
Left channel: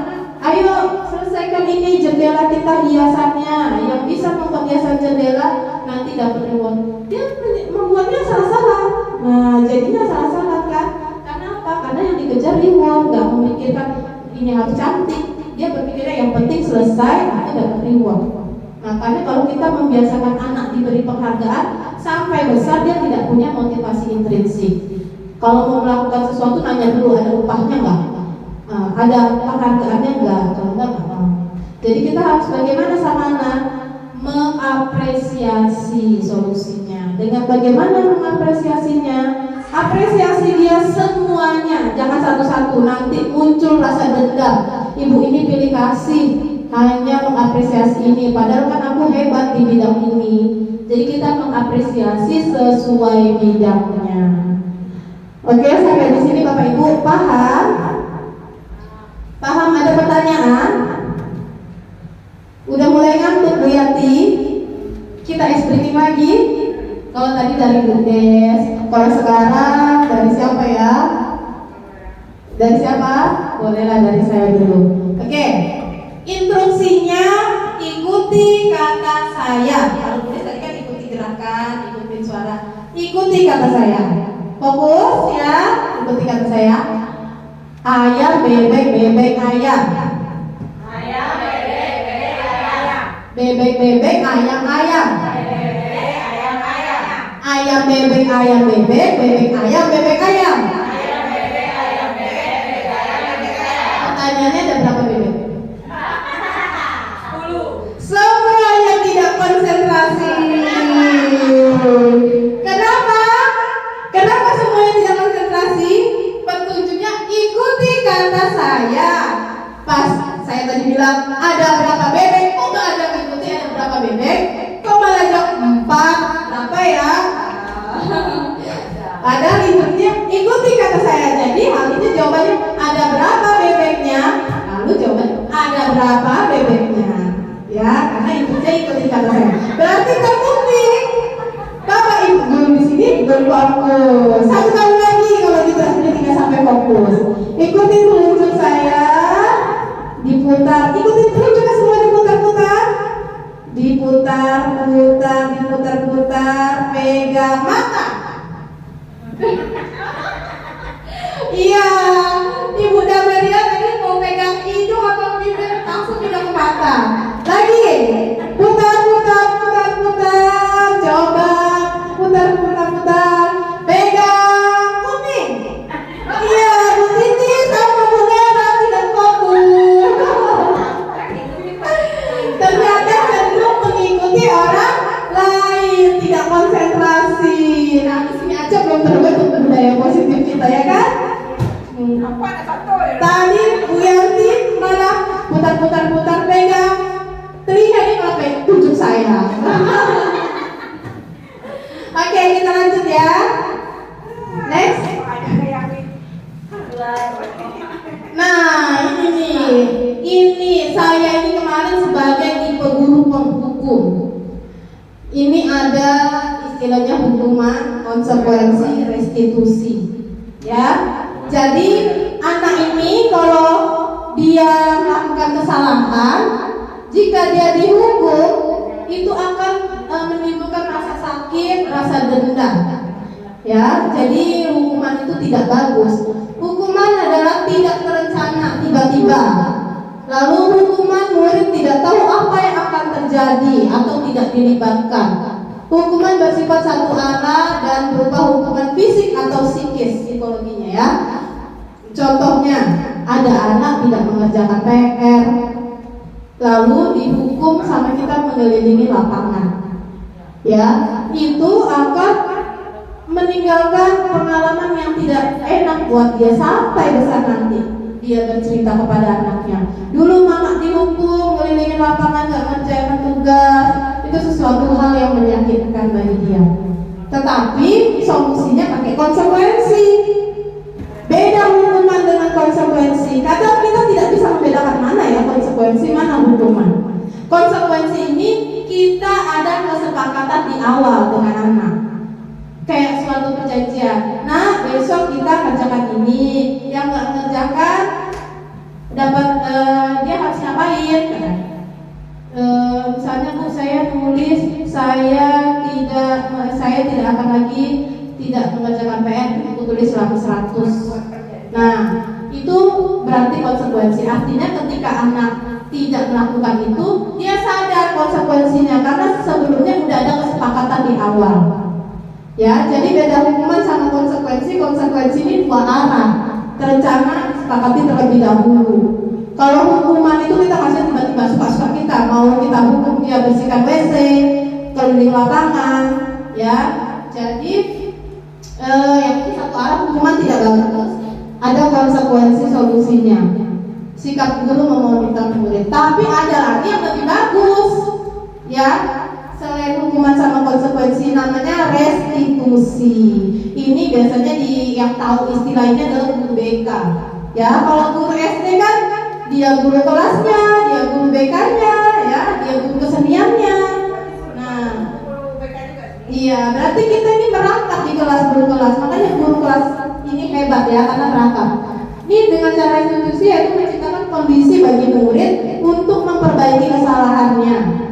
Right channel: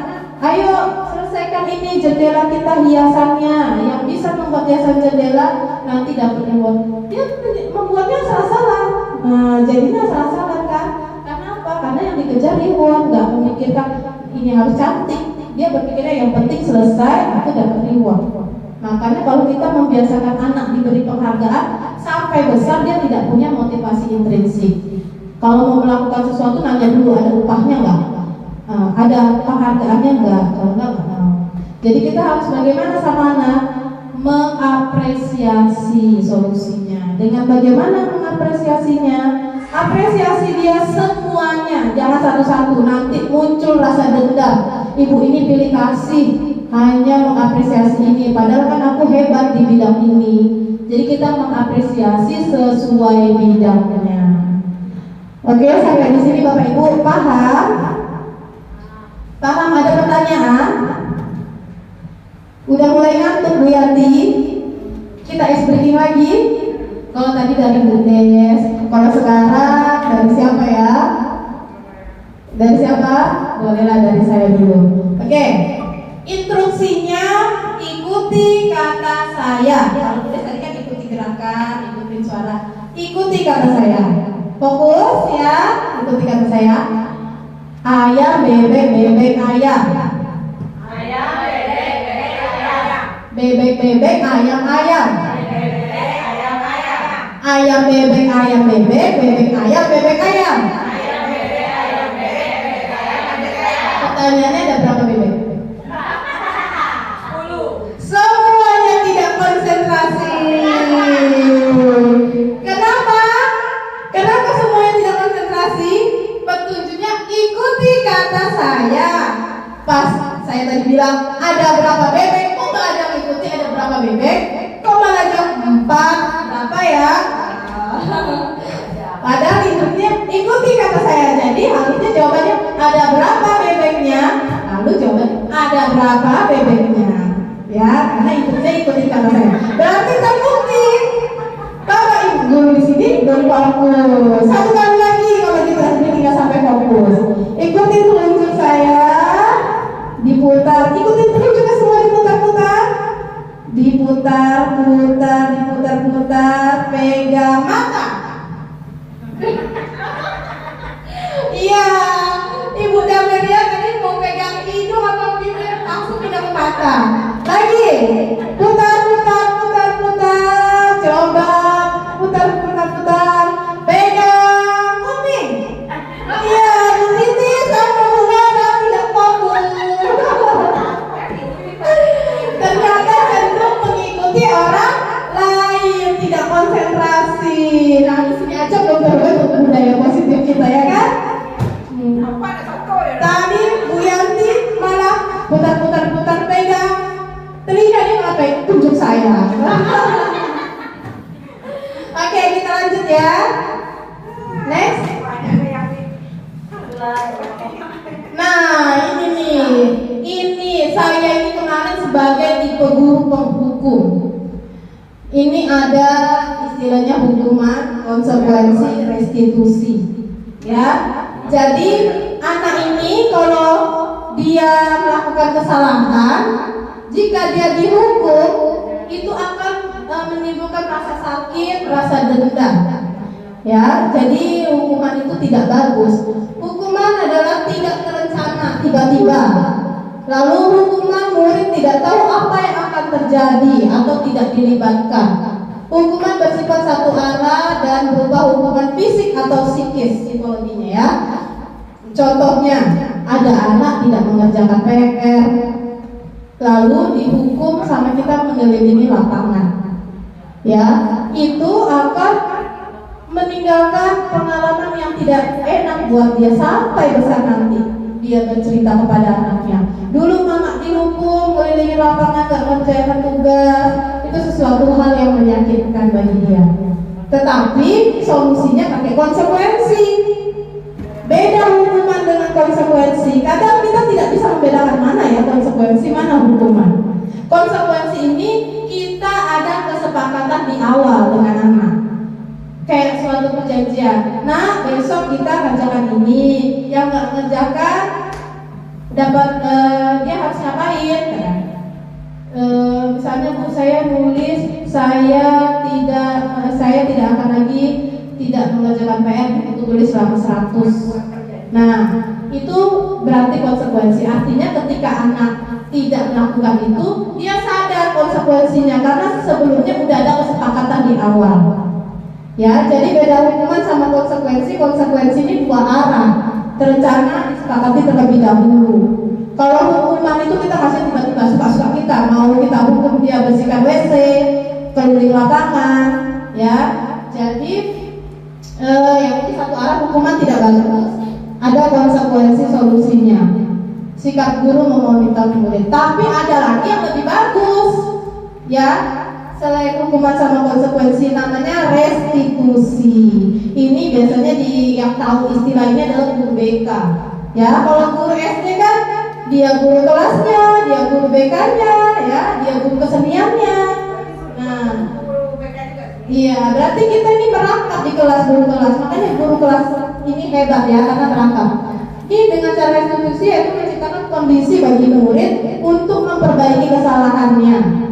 ayo selesaikan ini jendela kita hiasannya. Yang bisa membuat hiasan jendela nanti dapat reward. Dia membuatnya salah-salah. Nah, jadinya salah-salah kan? Karena apa? Karena yang dikejar reward, nggak memikirkan ini harus cantik. Dia berpikirnya yang penting selesai, nanti dapat reward. Makanya kalau kita membiasakan anak diberi penghargaan, sampai besar dia tidak punya motivasi intrinsik. Kalau mau melakukan sesuatu nanya dulu ada upahnya nggak, ada penghargaannya nggak, kalau nggak. Jadi kita harus bagaimana sama anak mengapresiasi solusinya. Dengan bagaimana mengapresiasinya? Apresiasi dia semuanya, jangan satu-satu. Nanti muncul rasa dendam. Ibu ini pilih kasih, hanya mengapresiasi ini, padahal kan aku hebat di bidang ini. Jadi kita mengapresiasi sesuai bidangnya. Oke, sampai di sini Bapak Ibu paham? Paham? Ada pertanyaan? Udah mulai ngantuk Bu Yanti? Kita explaining lagi. Kalau tadi dari Bu Des, kalau sekarang dari siapa ya? Dari siapa? Bolehlah dari saya dulu. Oke. Instruksinya ikuti kata saya. Kalau boleh tadi kan ikuti gerakan, ikuti suara. Ikuti kata saya. Fokus ya, ikuti kata saya. Ayam, bebek, bebek, ayam. Ayam, bebek, bebek, ayam. Bebek, bebek, ayam, ayam. Bebek, ayam, ayam. Ayam, bebek, ayam, bebek, bebek, ayam, bebek, ayam. Ayam, bebek, ayam, bebek, bebek, ayam, bebek, ayam. Pertanyaannya ada berapa bebek? Semuanya tidak konsentrasi. Kenapa? Kenapa semuanya tidak konsentrasi? Petunjuknya ikuti kata saya. Pas saya tadi bilang ada berapa bebek, kok nggak ada mengikuti ada berapa bebek? Kok malah jawab 4? Kenapa ya? Padahal intinya ikuti kata saya. Jadi harusnya jawabannya ada berapa bebeknya? Lalu jawabannya ada berapa bebeknya? Ya, karena ibunya ikuti kata saya. Berarti terbukti. Bapak Ibu guru di sini berfokus. Satu kali lagi kalau ketika sampai fokus. Ikuti telunjuk saya. Diputar. Ikuti telunjuknya semua diputar-putar. Diputar, putar, diputar-putar. Pegang mata. Iya, Ibu Damelia tadi mau pegang hidung atau bibir, langsung pegang mata. Lagi, putar, putar, putar, putar, coba, putar, putar, putar, pegang kuping. Iya, Bu Titi sama Bu Gara tidak fokus. Ternyata cenderung mengikuti orang lain, tidak konsentrasi. Nah, di sini aja belum terbentuk budaya positif kita ya kan? Tadi Bu Yanti malah putar-putar-putar pegang telinga, ini malah kayak tunjuk saya. Oke, kita lanjut ya. Next. Nah, ini nih. Ini saya ini kemarin sebagai tipe guru penghukum. Ini ada istilahnya hukuman, konsekuensi, restitusi. Ya. Jadi anak ini kalau dia melakukan kesalahan, jika dia dihukum, itu akan menimbulkan rasa sakit, rasa dendam. Ya, jadi hukuman itu tidak bagus. Hukuman adalah tidak terencana, tiba-tiba. Lalu hukuman murid tidak tahu apa yang akan terjadi atau tidak dilibatkan. Hukuman bersifat satu arah dan berupa hukuman fisik atau psikis, psikologinya ya. Contohnya, ada anak tidak mengerjakan PR, lalu dihukum sama kita mengelilingi lapangan. Ya, itu akan meninggalkan pengalaman yang tidak enak buat dia sampai besar nanti. Dia bercerita kepada anaknya, dulu mama dihukum mengelilingi lapangan gak mengerjakan tugas. Itu sesuatu hal yang menyakitkan bagi dia. Tetapi solusinya pakai konsekuensi. Beda hukuman dengan konsekuensi. Kadang kita tidak bisa membedakan mana ya konsekuensi, mana hukuman. Konsekuensi ini kita ada kesepakatan di awal dengan anak. Kayak suatu perjanjian. Nah, besok kita kerjakan ini. Yang nggak mengerjakan dapat dia harus ngapain? Misalnya Bu, saya nulis saya tidak akan lagi tidak mengerjakan PR, itu tulis 100. Nah, itu berarti konsekuensi. Artinya ketika anak tidak melakukan itu, dia sadar konsekuensinya karena sebelumnya sudah ada kesepakatan di awal. Ya, jadi beda hukuman sama konsekuensi. Konsekuensi ini dua arah, terencana, disepakati terlebih dahulu. Kalau hukuman itu kita kasih tiba-tiba suka-suka kita, mau kita hukum dia bersihkan WC, keliling lapangan, ya. Jadi yang ini satu arah, hukuman tidak bagus. Ada konsekuensi solusinya. Sikap guru memonitor murid. Tapi ada lagi yang lebih bagus, ya. Selain hukuman sama konsekuensi, namanya restitusi. Ini biasanya yang tahu istilahnya adalah guru BK. Ya, kalau guru SD kan dia guru kelasnya, dia guru BK-nya, ya, dia guru keseniannya. Nah, iya, berarti kita ini merangkap di kelas guru kelas. Makanya guru kelas ini hebat ya, karena merangkap. Ini dengan cara restitusi yaitu menciptakan kondisi bagi murid untuk memperbaiki kesalahannya.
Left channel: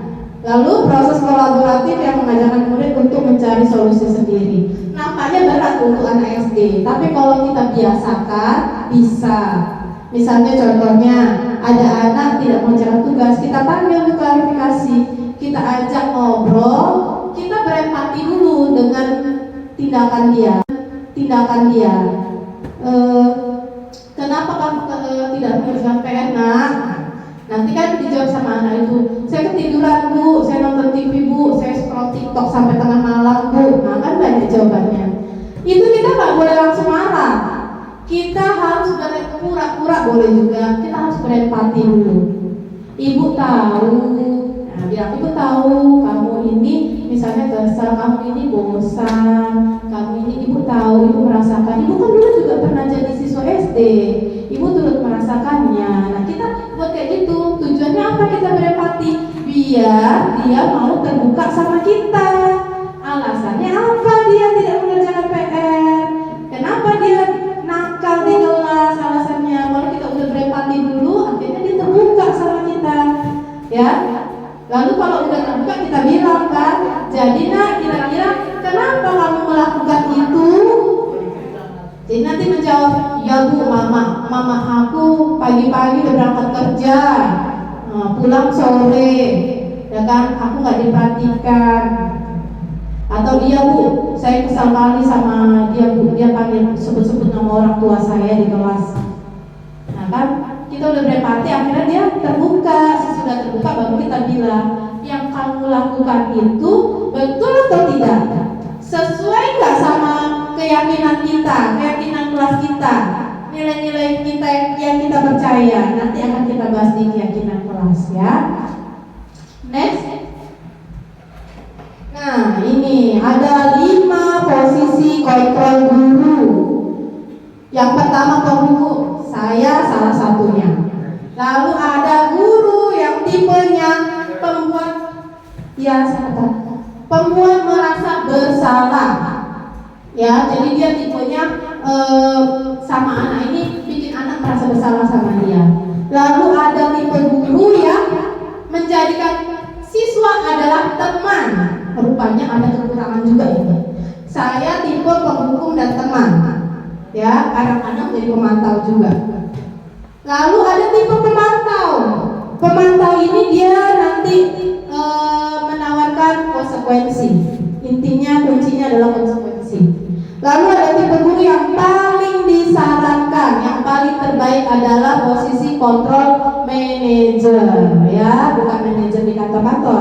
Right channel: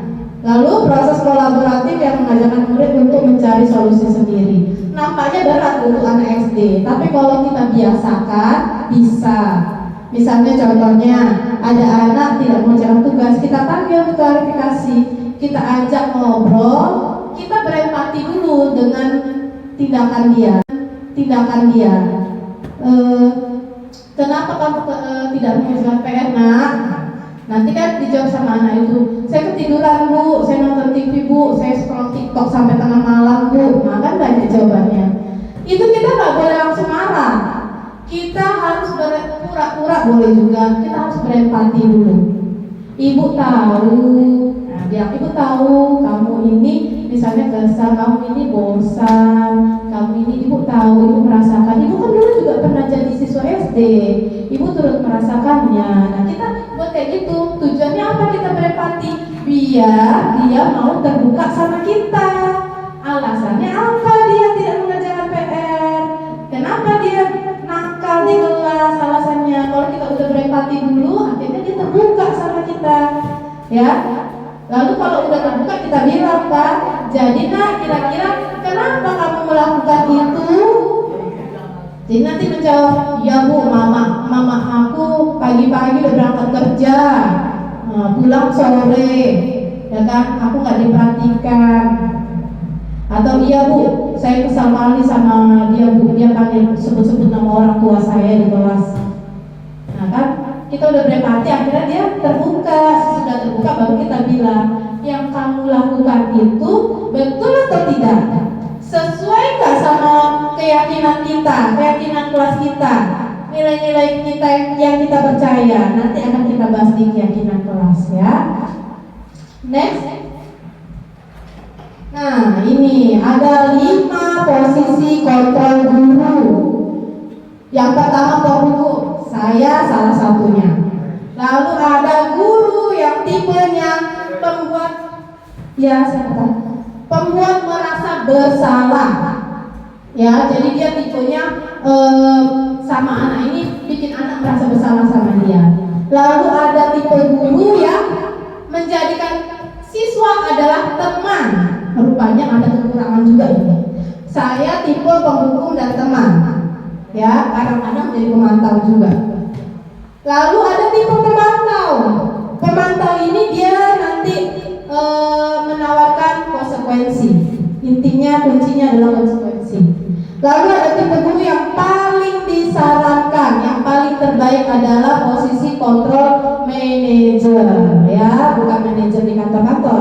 Lalu proses kolaboratif yang mengajarkan murid untuk mencari solusi sendiri. Nampaknya berat untuk anak SD, tapi kalau kita biasakan bisa. Misalnya contohnya ada anak tidak mengerjakan tugas, kita panggil untuk klarifikasi, kita ajak ngobrol, kita berempati dulu dengan tindakan dia. Kenapa kamu tidak mengerjakan PR, nak? Nanti kan dijawab sama anak itu, saya ketiduran Bu, saya nonton TV Bu, saya scroll TikTok sampai tengah malam Bu. Nah kan banyak jawabannya. Itu kita nggak boleh langsung marah. Kita harus pura-pura boleh juga. Kita harus berempati dulu. Ibu tahu, nah bilang ibu tahu kamu ini misalnya kesal, kamu ini bosan, kamu ini ibu tahu, ibu merasakan. Ibu kan dulu juga pernah jadi siswa SD, ibu turut merasakannya. Nah kita buat kayak gitu. Tujuannya apa kita berempati? Biar dia mau terbuka sama kita. Alasannya apa dia tidak mengerjakan PR? Kenapa dia nakal di kelas? Alasannya kalau kita udah berempati dulu, akhirnya dia terbuka sama kita. Ya. Lalu kalau udah terbuka kita bilang kan, jadi nak kira-kira kenapa kamu melakukan itu? Jadi nanti menjawab, ya Bu, mama aku pagi-pagi udah berangkat kerja, pulang sore, ya kan, aku nggak diperhatikan. Atau iya Bu, saya kesal kali sama dia Bu, dia panggil sebut-sebut nama orang tua saya di kelas. Nah kan, kita udah berempati, akhirnya dia terbuka. Sesudah terbuka baru kita bilang, yang kamu lakukan itu betul atau tidak? Sesuai nggak sama keyakinan kita, keyakinan kelas kita, nilai-nilai kita yang kita percaya? Nanti akan kita bahas di keyakinan kelas ya. Next. Nah ini ada 5 posisi kontrol guru. Yang pertama penghukum, saya salah satunya. Lalu ada guru yang tipenya pembuat, ya siapa? Pembuat merasa bersalah. Ya, jadi dia tipenya sama anak ini bikin anak merasa bersalah sama dia. Lalu ada tipe guru yang menjadikan siswa adalah teman. Rupanya ada kekurangan juga ini. Saya tipe penghukum dan teman. Ya, kadang-kadang jadi pemantau juga. Lalu ada tipe pemantau. Pemantau ini dia nanti menawarkan konsekuensi. Intinya kuncinya adalah konsekuensi. Lalu ada tipe guru yang paling disarankan, yang paling terbaik adalah posisi kontrol manager, ya, bukan manajer di kantor-kantor.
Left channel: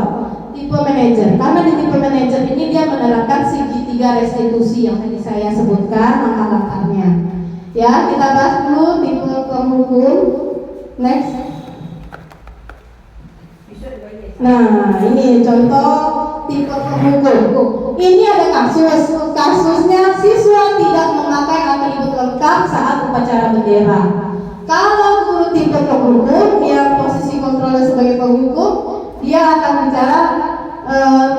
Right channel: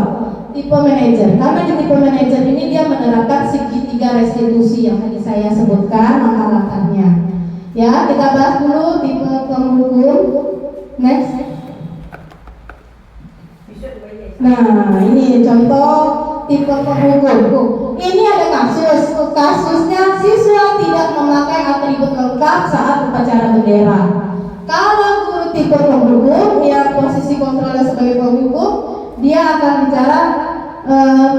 Tipe manajer, karena di tipe manajer ini dia menerapkan segitiga restitusi yang tadi saya sebutkan langkah-langkahnya. Ya, kita bahas dulu tipe penghukum. Next. Nah, ini contoh tipe penghukum. Ini ada kasusnya siswa tidak memakai atribut lengkap saat upacara bendera. Kalau guru tipe penghukum, yang posisi kontrolnya sebagai penghukum, dia akan bicara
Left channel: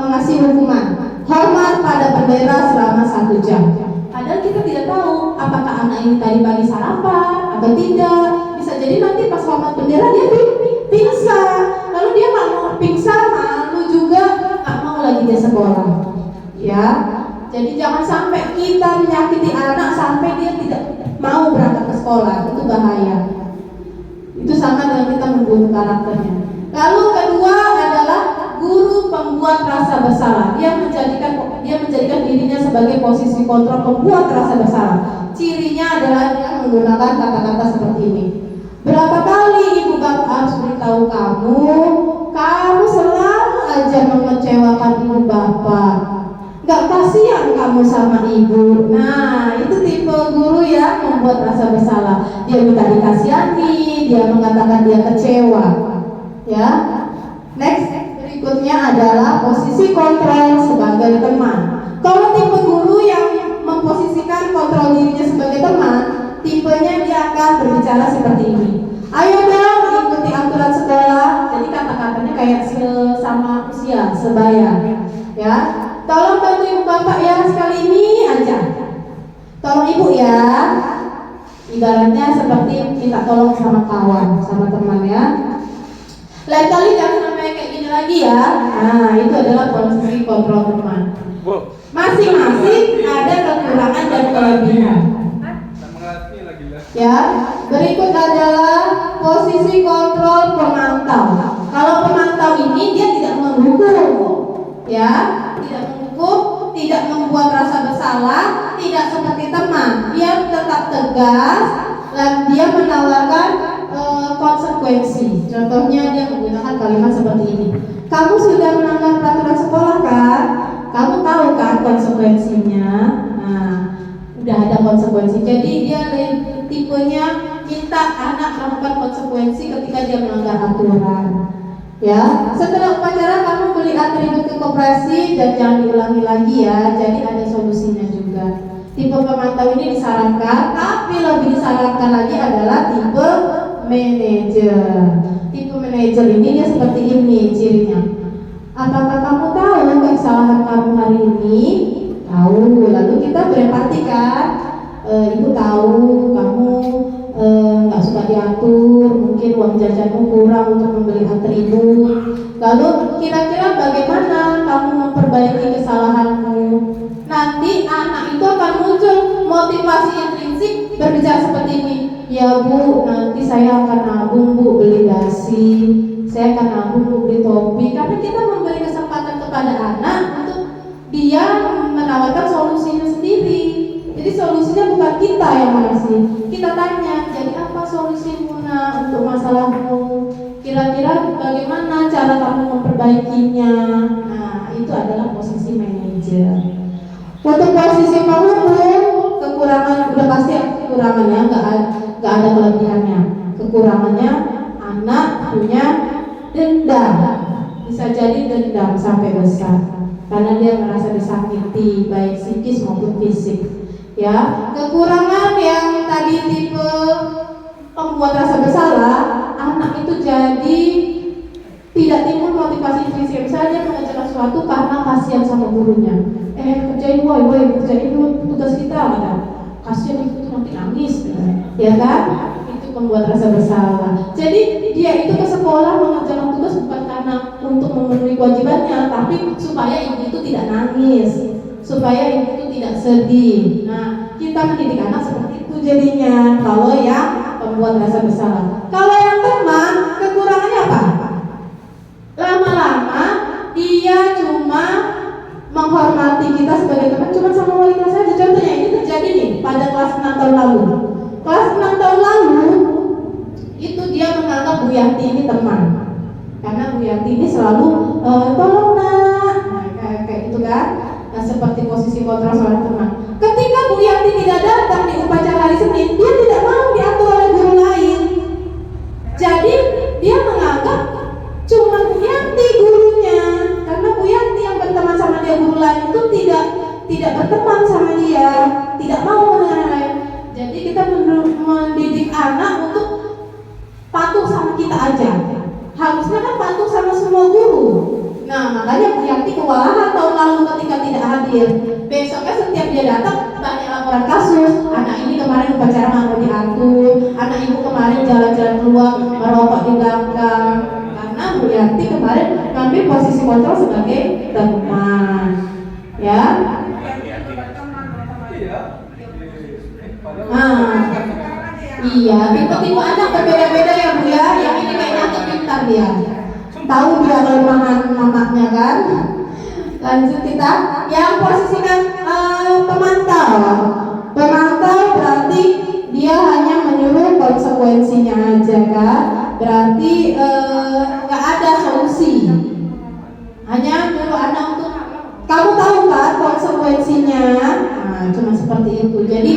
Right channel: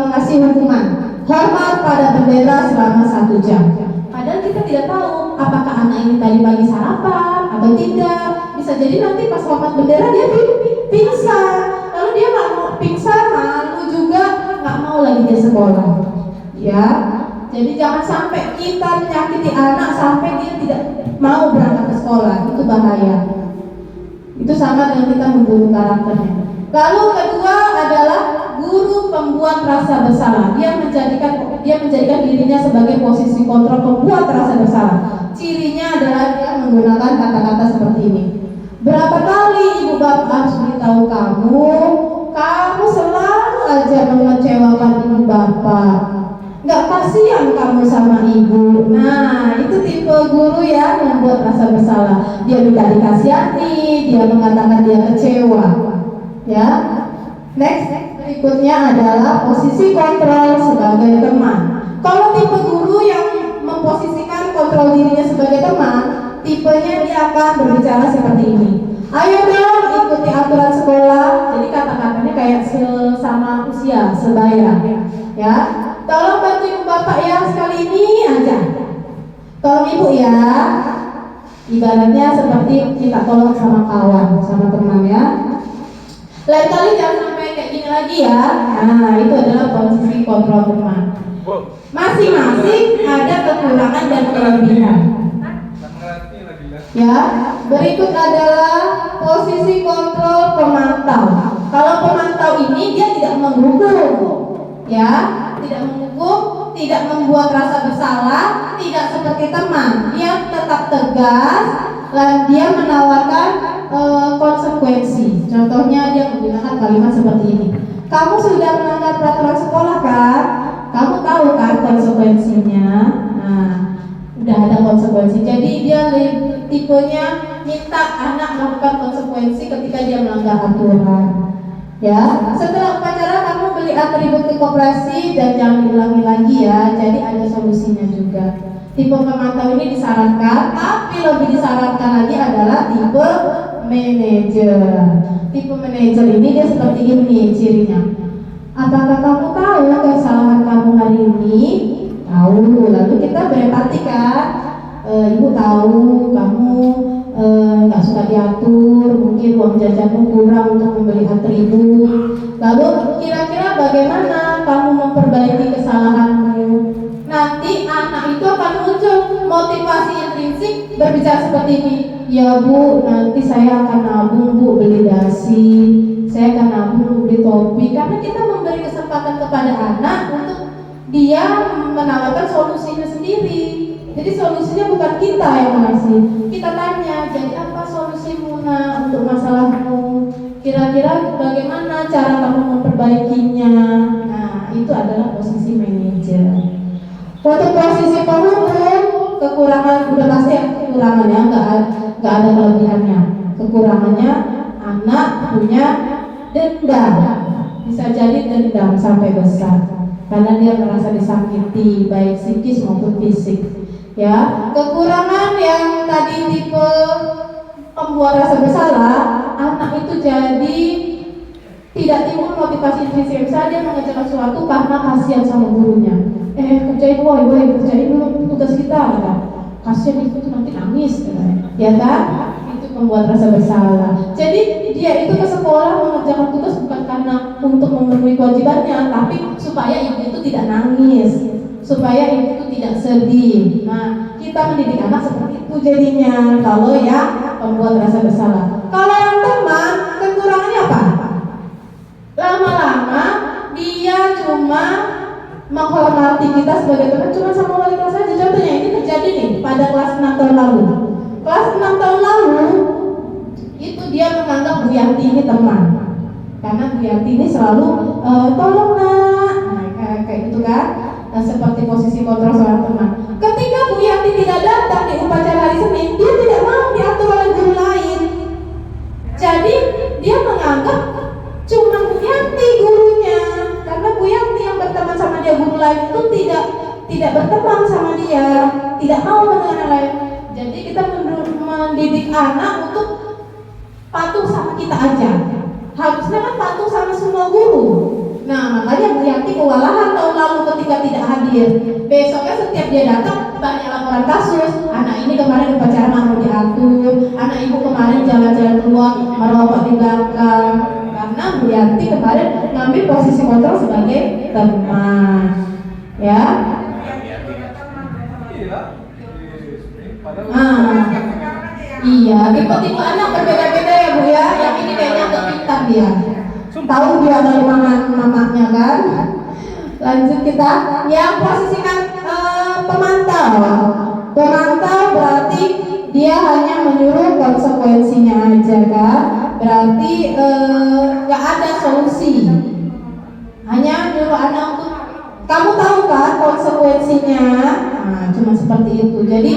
mengasih hukuman hormat pada bendera selama 1 jam. Padahal kita tidak tahu apakah anak ini tadi pagi sarapan atau tidak. Bisa jadi nanti pas hormat bendera dia pingsan. Lalu dia nggak mau pingsan, lalu juga nggak mau lagi dia sekolah. Ya, jadi jangan sampai kita menyakiti anak sampai dia tidak mau berangkat ke sekolah, itu bahaya. Itu sama dengan kita membunuh karakternya. Lalu kedua adalah guru pembuat rasa bersalah. Dia menjadikan dirinya sebagai posisi kontrol pembuat rasa bersalah. Cirinya adalah dia menggunakan kata-kata seperti ini. Berapa kali ibu bapak harus beritahu kamu selalu aja mengecewakan ibu bapak. Gak kasihan kamu sama ibu. Nah, itu tipe guru yang membuat rasa bersalah. Dia minta dikasihani, dia mengatakan dia kecewa. Ya. Next, berikutnya adalah posisi kontrol sebagai teman. Kalau tipe guru yang memposisikan kontrol dirinya sebagai teman, tipenya dia akan berbicara seperti ini. Ayo dong ikuti aturan sekolah. Jadi kata-katanya kayak sama usia, sebaya. Ya. Tolong bantu ibu bapak ya sekali ini aja. Tolong ibu ya. Ibaratnya seperti minta tolong sama kawan, sama teman ya. Lain kali jangan sampai kayak gini lagi ya. Nah, itu adalah posisi kontrol teman. Masing-masing ada kekurangan dan kelebihan. Ya, berikut adalah posisi kontrol pemantau. Kalau pemantau ini dia tidak menghukum, ya, tidak menghukum, tidak membuat rasa bersalah, tidak seperti teman. Dia tetap tegas dan dia menawarkan konsekuensi. Contohnya dia menggunakan kalimat seperti ini. Kamu sudah melanggar peraturan sekolah kan? Kamu tahu kan konsekuensinya? Nah, udah ada konsekuensi. Jadi dia tipenya minta anak melakukan konsekuensi ketika dia melanggar aturan. Ya, setelah upacara kamu beli atribut ke koperasi dan jangan diulangi lagi ya. Jadi ada solusinya juga. Tipe pemantau ini disarankan, tapi lebih disarankan lagi adalah tipe manajer. Tipe manajer ini dia seperti ini cirinya. Apakah kamu tahu kesalahan kamu hari ini? Tahu. Lalu kita berempati kan. Ibu tahu kamu nggak suka diatur, mungkin uang jajanmu kurang untuk membeli atribut. Lalu kira-kira bagaimana kamu memperbaiki kesalahanmu? Nanti anak itu akan muncul motivasi intrinsik berbicara seperti ini. Ya bu, nanti saya akan nabung bu beli dasi, saya akan nabung bu beli topi. Karena kita memberi kesempatan kepada anak untuk dia menawarkan solusinya sendiri. Jadi solusinya bukan kita yang mengasih. Kita tanya, jadi apa solusimu nak untuk masalahmu? Kira-kira bagaimana cara kamu memperbaikinya? Nah, itu adalah posisi manajer. Untuk posisi penghukum, kekurangan udah pasti kekurangannya, nggak ada kelebihannya. Kekurangannya anak punya dendam, bisa jadi dendam sampai besar karena dia merasa disakiti baik psikis maupun fisik. Ya, kekurangan yang tadi tipe pembuat rasa bersalah, anak itu jadi tidak timbul motivasi intrinsik. Misalnya dia mengerjakan sesuatu karena kasihan sama gurunya. Kerjain boy, kerjain dulu tugas kita, gitu. Kasihan itu nanti nangis, gitu. Ya kan? Itu membuat rasa bersalah. Jadi dia itu ke sekolah mengerjakan tugas bukan karena untuk memenuhi kewajibannya, tapi supaya ibu itu tidak nangis, supaya ibu itu tidak sedih. Nah, kita mendidik anak seperti itu. Itu jadinya kalau yang membuat rasa bersalah. Kalau yang teman, kekurangannya apa? Lama-lama dia cuma menghormati kita sebagai teman, cuma sama wanita saja. Contohnya ini terjadi nih pada kelas 6 tahun lalu. Kelas 6 tahun lalu itu dia menganggap Bu Yanti ini teman, karena Bu Yanti ini selalu tolong nak, kayak gitu kan. Nah, seperti posisi kontrol seorang teman. Ketika Bu Yanti tidak datang di upacara hari Senin, dia tidak mau diatur oleh guru lain. Jadi dia menganggap cuma Bu Yanti gurunya, karena Bu Yanti yang berteman sama dia, guru lain itu tidak berteman sama dia, tidak mau dengan yang lain. Jadi kita mendidik anak untuk patuh sama kita aja. Harusnya kan patuh sama semua guru. Nah, makanya Bu Yanti kewalahan tahun lalu ketika tidak hadir. Besoknya setiap dia datang banyak laporan kasus. Anak ini kemarin upacara mau diatur, anak ibu kemarin jalan-jalan keluar merokok di belakang. Karena Bu Yanti kemarin ngambil posisi kontrol sebagai teman. Ya. Iya, tipe-tipe anak berbeda-beda ya Bu ya. Yang ini kayaknya agak pintar dia. Tahu dia dari mana namanya kan? Lanjut kita. Yang posisikan pemantau. Pemantau berarti dia hanya menyuruh konsekuensinya aja kan? Berarti nggak ada solusi. Hanya menyuruh anak untuk kamu tahu kan konsekuensinya. Nah, cuma seperti itu. Jadi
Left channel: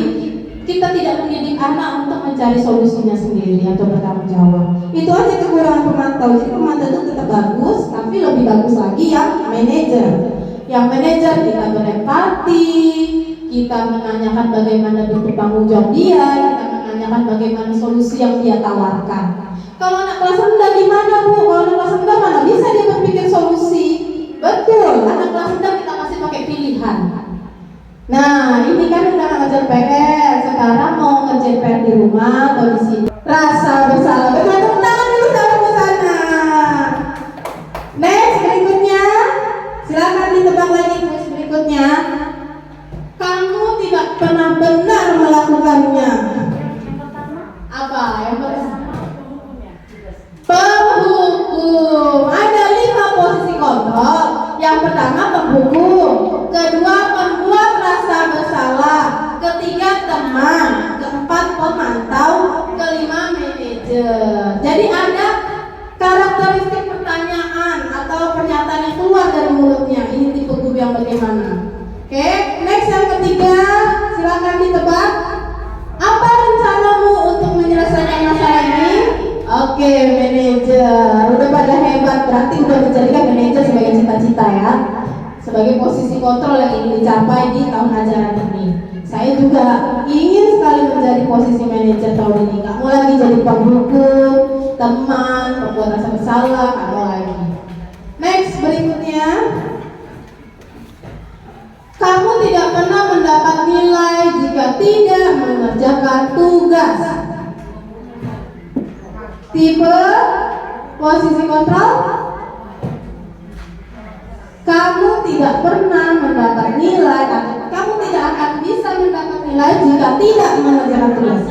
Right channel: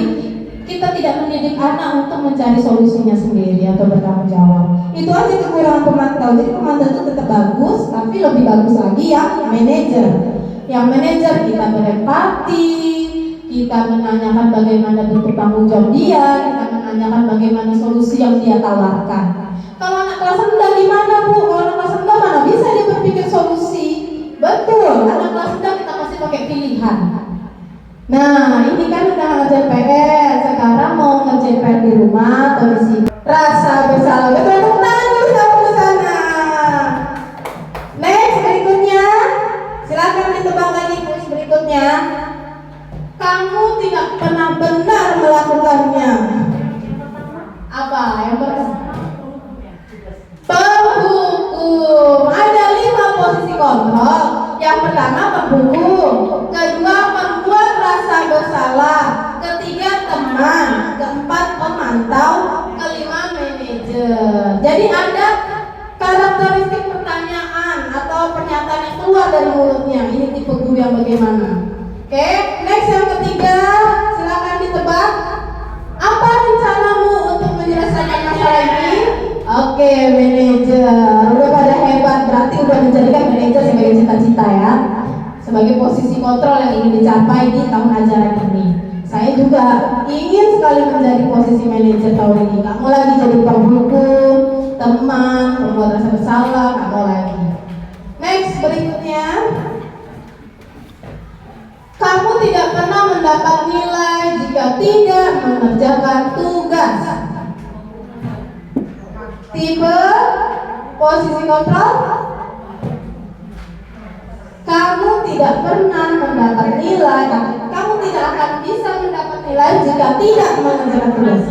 kita tidak mendidik anak untuk mencari solusinya sendiri atau bertanggung jawab. Itu aja kekurangan pemantau. Jadi pemantau itu tetap bagus, tapi lebih bagus lagi yang manajer. Yang manajer kita berempati, kita menanyakan bagaimana bentuk tanggung jawab dia, kita menanyakan bagaimana solusi yang dia tawarkan. Kalau anak kelas rendah gimana Bu? Kalau anak kelas rendah mana bisa dia berpikir solusi? Betul, anak kelas rendah kita masih pakai pilihan. Nah, ini kan udah ngerjain PR, sekarang mau ngerjain PR di rumah atau di sini. Rasa bersalah, betul tangan ke sana. Next, berikutnya, silakan ditebak lagi terus berikutnya. Kamu tidak pernah benar melakukannya. Apa yang pertama? Penghukum. Ada 5 posisi kontrol. Yang pertama penghukum, kedua membuat rasa bersalah, ketiga teman, keempat pemantau, kelima manajer. Jadi ada karakteristik pertanyaan atau pernyataan yang keluar dari mulutnya. Ini tipe guru yang bagaimana? Oke, next yang ketiga, silakan ditebak. Apa rencanamu untuk menyelesaikan masalah ini? Oke, manajer. Udah pada hebat, berarti udah menjadikan manajer sebagai cita-cita ya. Sebagai posisi kontrol yang ingin dicapai di tahun ajaran ini. Saya juga ingin sekali menjadi posisi manajer tahun ini. Gak mau lagi jadi penghukum, teman, pembuat rasa bersalah, gak mau lagi. Next, berikutnya. Kamu tidak pernah mendapat nilai jika tidak mengerjakan tugas. Tipe posisi kontrol. Kamu tidak pernah mendapat nilai, kamu tidak akan bisa mendapat nilai jika tidak mengerjakan tugas.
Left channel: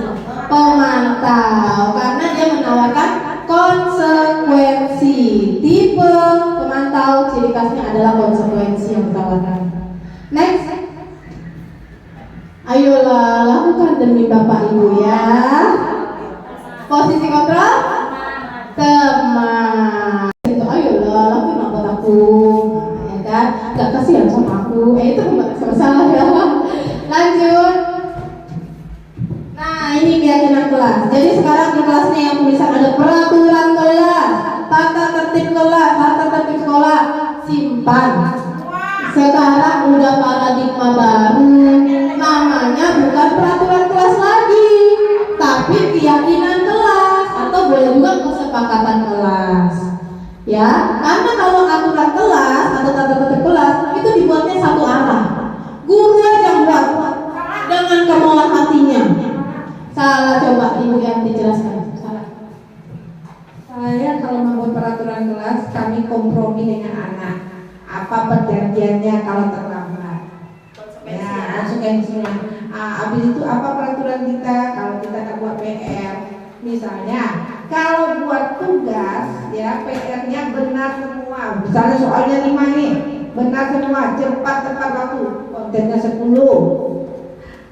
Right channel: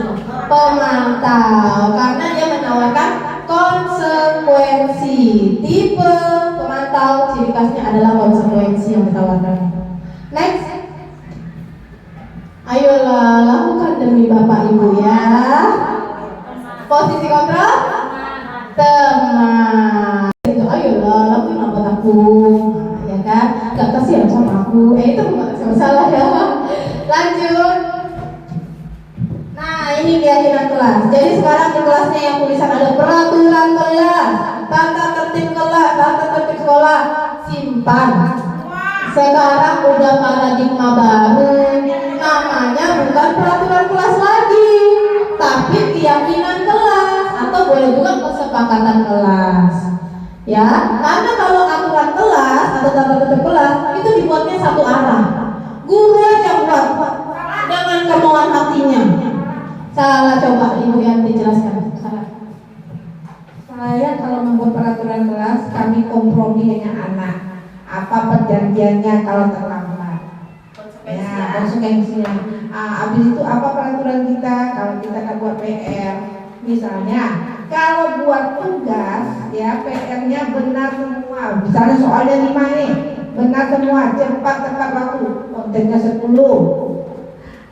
Pemantau, karena dia menawarkan konsekuensi. Tipe pemantau ciri khasnya adalah konsekuensi yang ditawarkan. Next, ayolah lakukan demi Bapak Ibu ya. Posisi kontrol, teman. Ayolah lakukan apa aku. Gak kasihan sama aku, itu masalah ya. Lanjut. Nah, ini keyakinan kelas. Jadi sekarang di kelasnya yang tulisan ada peraturan kelas, tata tertib kelas, tata tertib sekolah, simpan. Sekarang udah paradigma baru, namanya bukan peraturan kelas lagi, tapi keyakinan kelas atau boleh juga kesepakatan kelas. Ya, karena kalau aturan kelas atau tata tertib kelas itu dibuatnya satu arah. Guru aja buat dengan kemauan hatinya. Salah, coba Ibu Yanti jelaskan. Saya kalau membuat peraturan kelas kami kompromi dengan anak. Apa perjanjiannya kalau terlambat? Ya, konsekuensinya. Habis itu apa peraturan kita kalau kita nak buat PR? Misalnya kalau buat tugas ya PR-nya benar semua. Misalnya soalnya 5 ini benar semua, cepat tepat waktu, kontennya 10.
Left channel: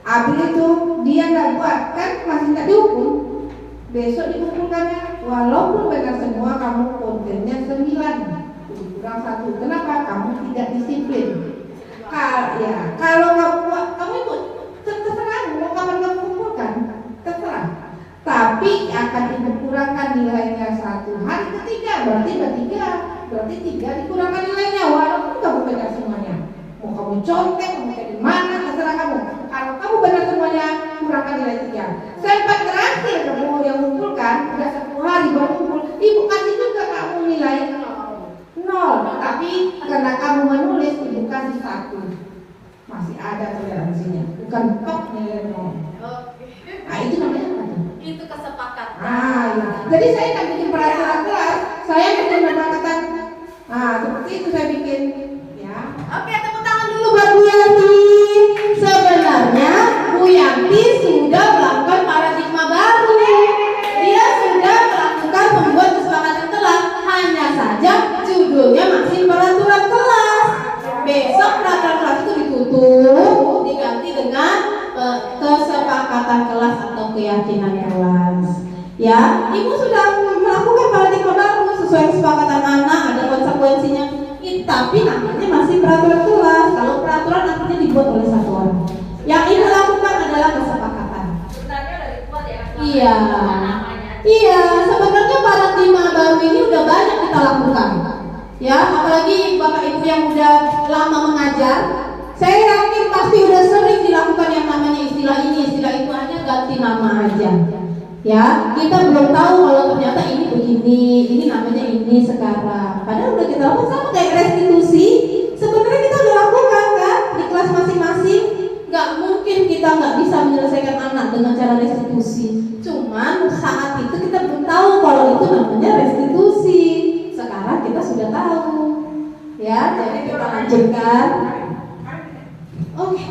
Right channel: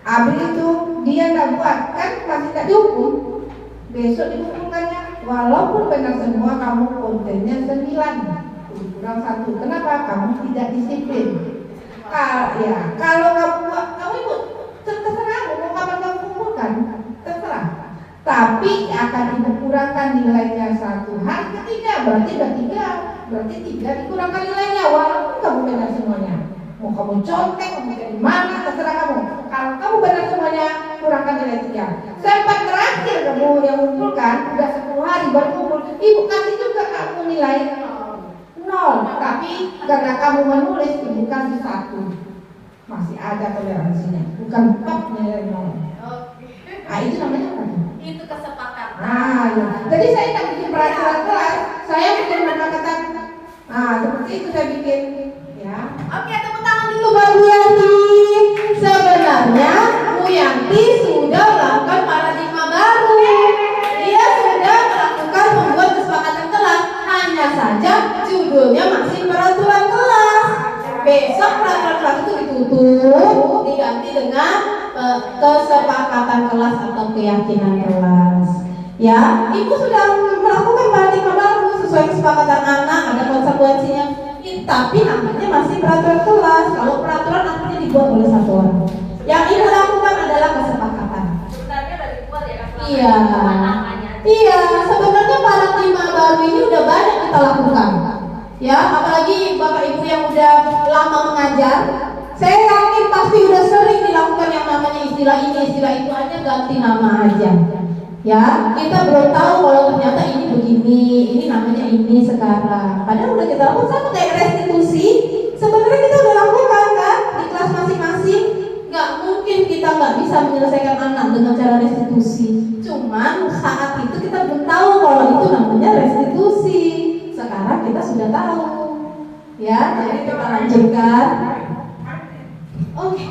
Habis itu dia nggak buat kan masih tak dihukum. Besok dikumpulkannya walaupun benar semua kamu kontennya 9 kurang 1. Kenapa? Kamu tidak disiplin. Kalau kamu buat kamu ikut terserah mau kapan kamu kumpulkan terserah. Tapi akan dikurangkan nilainya 1. Hari ketiga berarti ada 3. Berarti 3 dikurangkan nilainya walaupun kamu benar semuanya. Mau kamu contek, mau di mana terserah kamu. Kalau kamu benar semuanya kurangkan nilai 3. Sampai terakhir kamu yang mengumpulkan udah 10 hari baru kumpul, ibu kasih juga kamu nilai 0. Tapi karena kamu menulis ibu kasih 1. Masih ada toleransinya, bukan top nilai 0. Itu namanya apa? Itu kesepakatan. Ya. Jadi saya kan bikin peraturan kelas, saya bikin kesepakatan. Seperti itu saya bikin. Ya. Oke, tepuk tangan dulu. Bu Yanti, sebenarnya Bu Yanti sudah melakukan paradigma baru. Dia sudah melakukan membuat kesepakatan kelas. Hanya saja judulnya masih peraturan kelas. Besok peraturan kelas itu ditutup, diganti dengan kesepakatan kelas atau keyakinan kelas. Ya, ibu sudah melakukan paradigma baru sesuai kesepakatan anak, ada konsekuensinya. Tapi namanya masih peraturan kelas. Kalau peraturan artinya dibuat oleh satu orang. Yang ibu lakukan adalah kesepakatan. Sebenarnya udah dibuat ya. Iya. Namanya. Iya, sebenarnya paradigma baru ini udah banyak kita lakukan. Ya, apalagi bapak ibu yang udah lama mengajar, saya yakin pasti udah sering dilakukan yang namanya istilah ini, istilah itu, hanya ganti nama aja. Ya, kita belum tahu kalau ternyata ini begini, ini namanya ini sekarang. Padahal udah kita lakukan sama kayak restitusi. Sebenarnya kita udah lakukan kan di kelas masing-masing. Gak mungkin kita nggak bisa menyelesaikan anak dengan cara restitusi. Cuman saat itu kita belum tahu kalau itu namanya restitusi. Sekarang kita sudah tahu. Ya, jadi kita lanjutkan. Oke.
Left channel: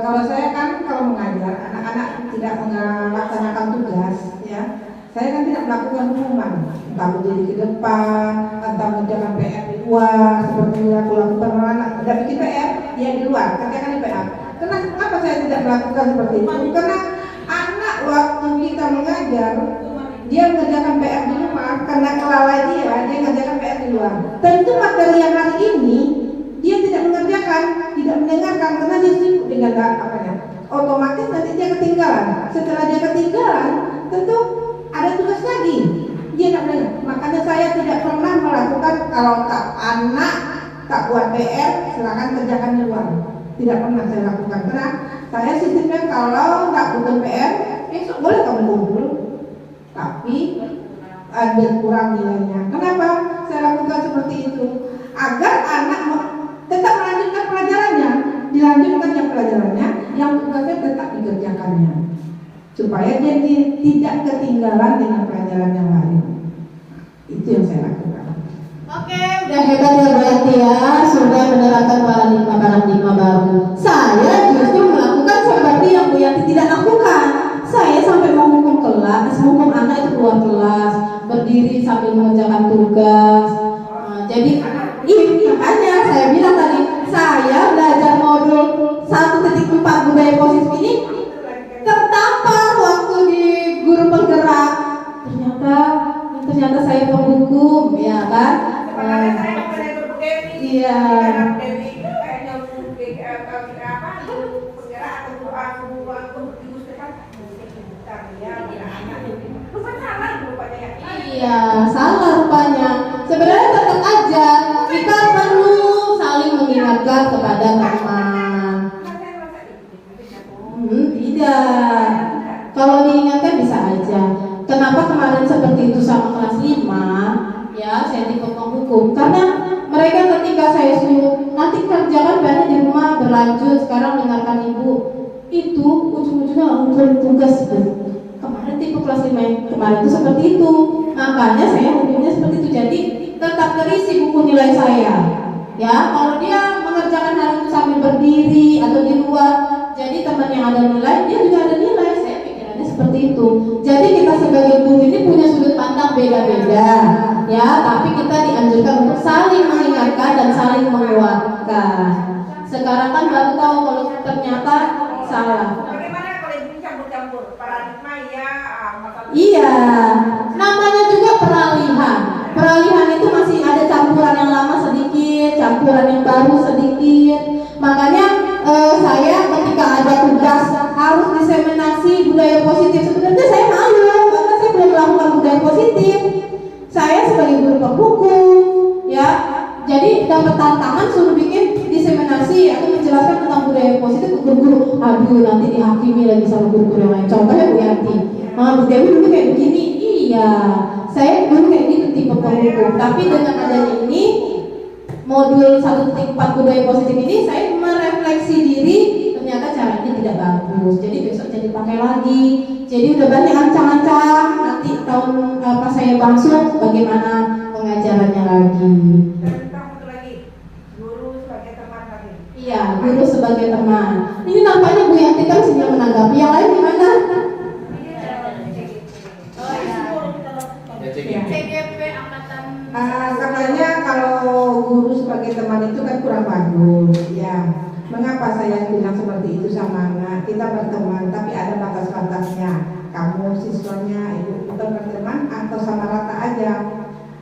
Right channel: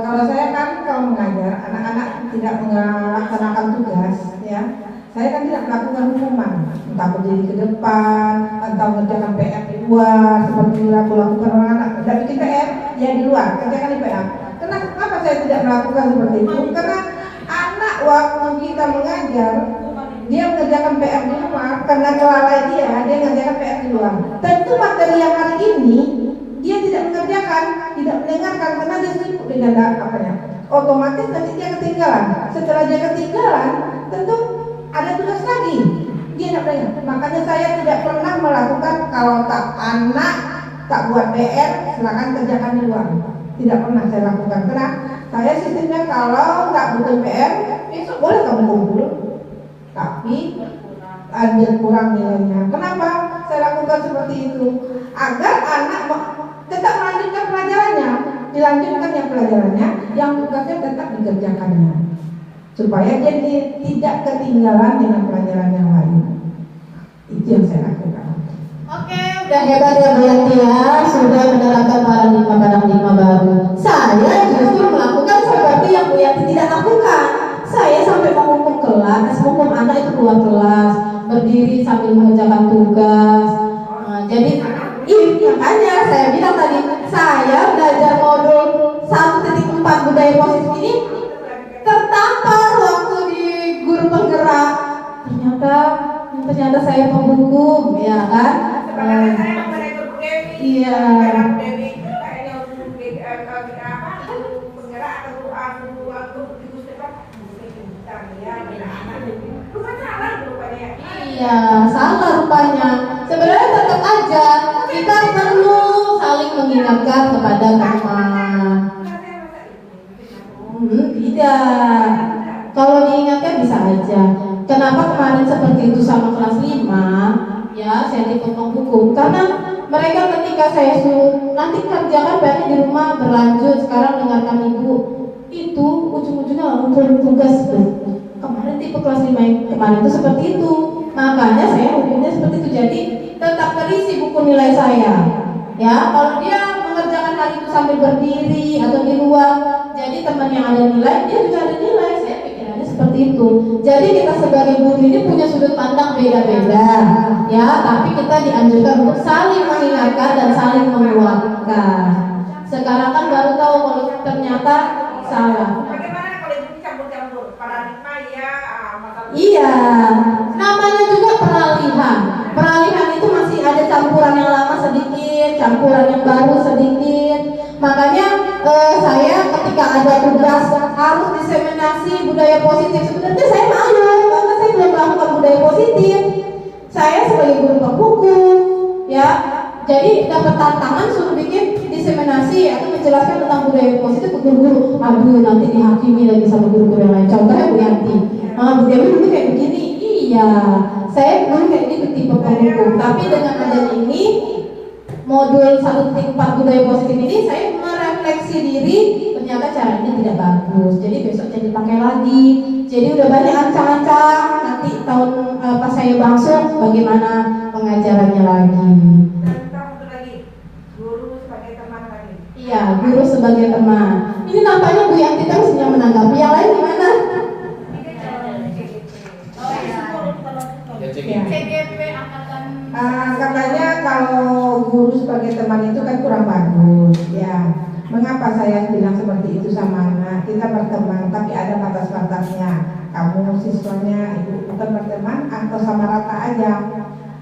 Kalau saya kan kalau mengajar anak-anak tidak melaksanakan tugas, ya, saya kan tidak melakukan hukuman, entah berdiri ke depan, entah mengerjakan PR di luar, seperti yang aku lakukan anak tidak bikin PR, ya di luar, kerjakan di PR. Kenapa saya tidak melakukan seperti itu? Karena anak waktu kita mengajar, dia mengerjakan PR di luar, karena kelalai dia mengerjakan PR di luar. Tentu materi yang hari ini dia tidak mengerjakan, tidak mendengarkan karena dia sibuk dengan otomatis nanti dia ketinggalan. Setelah dia ketinggalan, tentu ada tugas lagi. Dia tidak mendengar. Makanya saya tidak pernah melakukan kalau anak tak buat PR, silakan kerjakan di luar. Tidak pernah saya lakukan karena saya sistemnya kalau tak butuh PR, besok boleh kamu kumpul, tapi ada kurang nilainya. Kenapa saya lakukan seperti itu? Agar anak tetap melanjutkan pelajarannya, dilanjutkan yang pelajarannya, yang tugasnya tetap dikerjakannya, supaya dia tidak ketinggalan dengan pelajaran yang lain. Itu yang saya lakukan. Oke, udah hebat ya Bu Yanti ya, sudah menerapkan paradigma baru. Saya justru melakukan seperti yang Bu Yanti tidak lakukan. Saya sampai menghukum kelas, menghukum anak itu keluar kelas, berdiri sambil mengerjakan tugas. Jadi makanya saya bilang tadi, saya belajar modul 1.4 budaya positif ini tertampar waktu di guru penggerak. Ternyata saya penghukum, ya kan? Iya. Iya, salah rupanya. Sebenarnya tetap aja kita perlu saling mengingatkan kepada teman. Tidak. Kalau diingatkan bisa aja. Kenapa kemarin seperti itu sama kelas 5? Ya, saya dipotong hukum karena mereka ketika saya suruh nanti kerjakan PR di rumah berlanjut, sekarang dengarkan ibu, itu ujung-ujungnya ngumpulin tugas tuh. Kemarin tipe kelas 5 yang kemarin itu seperti itu. Makanya saya hukumnya seperti itu. Jadi tetap terisi buku nilai saya. Ya, kalau dia mengerjakan hal itu sambil berdiri atau di luar, jadi teman yang ada nilai, dia juga ada nilai. Saya pikirannya seperti itu. Jadi kita sebagai guru ini punya sudut pandang beda-beda, ya. Tapi kita dianjurkan untuk saling mengingatkan dan saling menguatkan. Sekarang kan baru tahu kalau ternyata salah. Bagaimana kalau ibu campur-campur paradigma ya masalah. Iya, namanya juga peralihan. Peralihan itu masih ada campuran yang lama sedikit, campuran yang baru sedikit. Makanya saya ketika ada tugas harus diseminasi budaya positif, sebenarnya saya malu karena saya belum melakukan budaya positif. Saya sebagai guru hukum, ya, jadi dapat tantangan suruh bikin diseminasi atau menjelaskan tentang budaya positif ke guru-guru. Aduh, nanti dihakimi lagi sama guru-guru yang lain. Contohnya Bu Yanti. Bu Dewi dulu kayak begini. Iya, saya dulu kayak gitu tipe penghukum. Tapi dengan adanya ini modul 1.4 budaya positif ini, saya merefleksi diri, ternyata caranya tidak bagus. Jadi besok jadi pakai lagi. Jadi udah banyak ancang-ancang. Nanti tahun pas saya bangsul bagaimana pengajarannya lagi. Iya, guru sebagai teman. Ini nampaknya Bu Yanti kan sedang menanggapi. Yang lain gimana? CGP angkatan. Katanya kalau guru sebagai teman itu kan kurang bagus, ya. Mengapa saya bilang seperti itu sama anak? Kita berteman, tapi ada batas-batasnya. Kamu siswanya, ibu bukan berteman atau sama rata aja.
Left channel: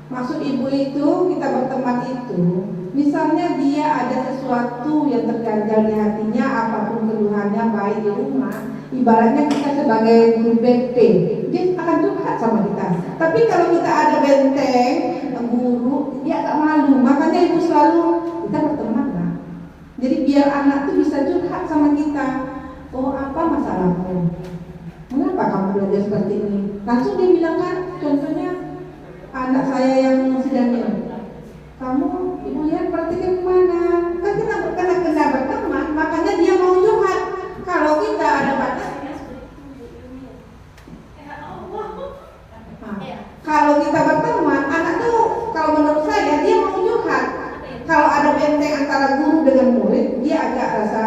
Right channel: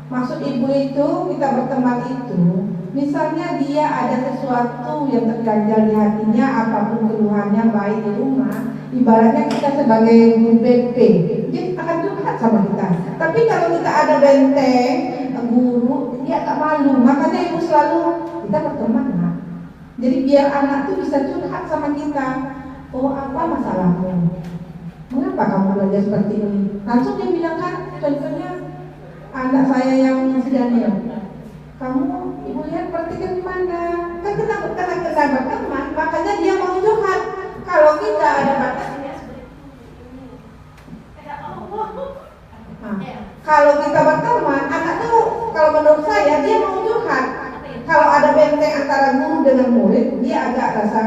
Maksud ibu itu kita berteman itu, misalnya dia ada sesuatu yang terganjal di hatinya, apapun keluhannya baik di rumah, ibaratnya kita sebagai guru BP, dia akan curhat sama kita. Tapi kalau kita ada benteng guru, dia agak malu. Makanya ibu selalu kita berteman lah. Jadi biar anak tuh bisa curhat sama kita. Oh, apa masalahmu? Mengapa kamu belajar seperti ini? Langsung dia bilang, kan, contohnya anak saya yang sedang kamu ibu lihat praktiknya gimana? Kan kita berteman, makanya dia mau curhat. Kalau kita ada batas, kalau kita berteman, anak tuh kalau menurut saya dia mau curhat. Kalau ada benteng antara guru dengan murid, dia agak rasa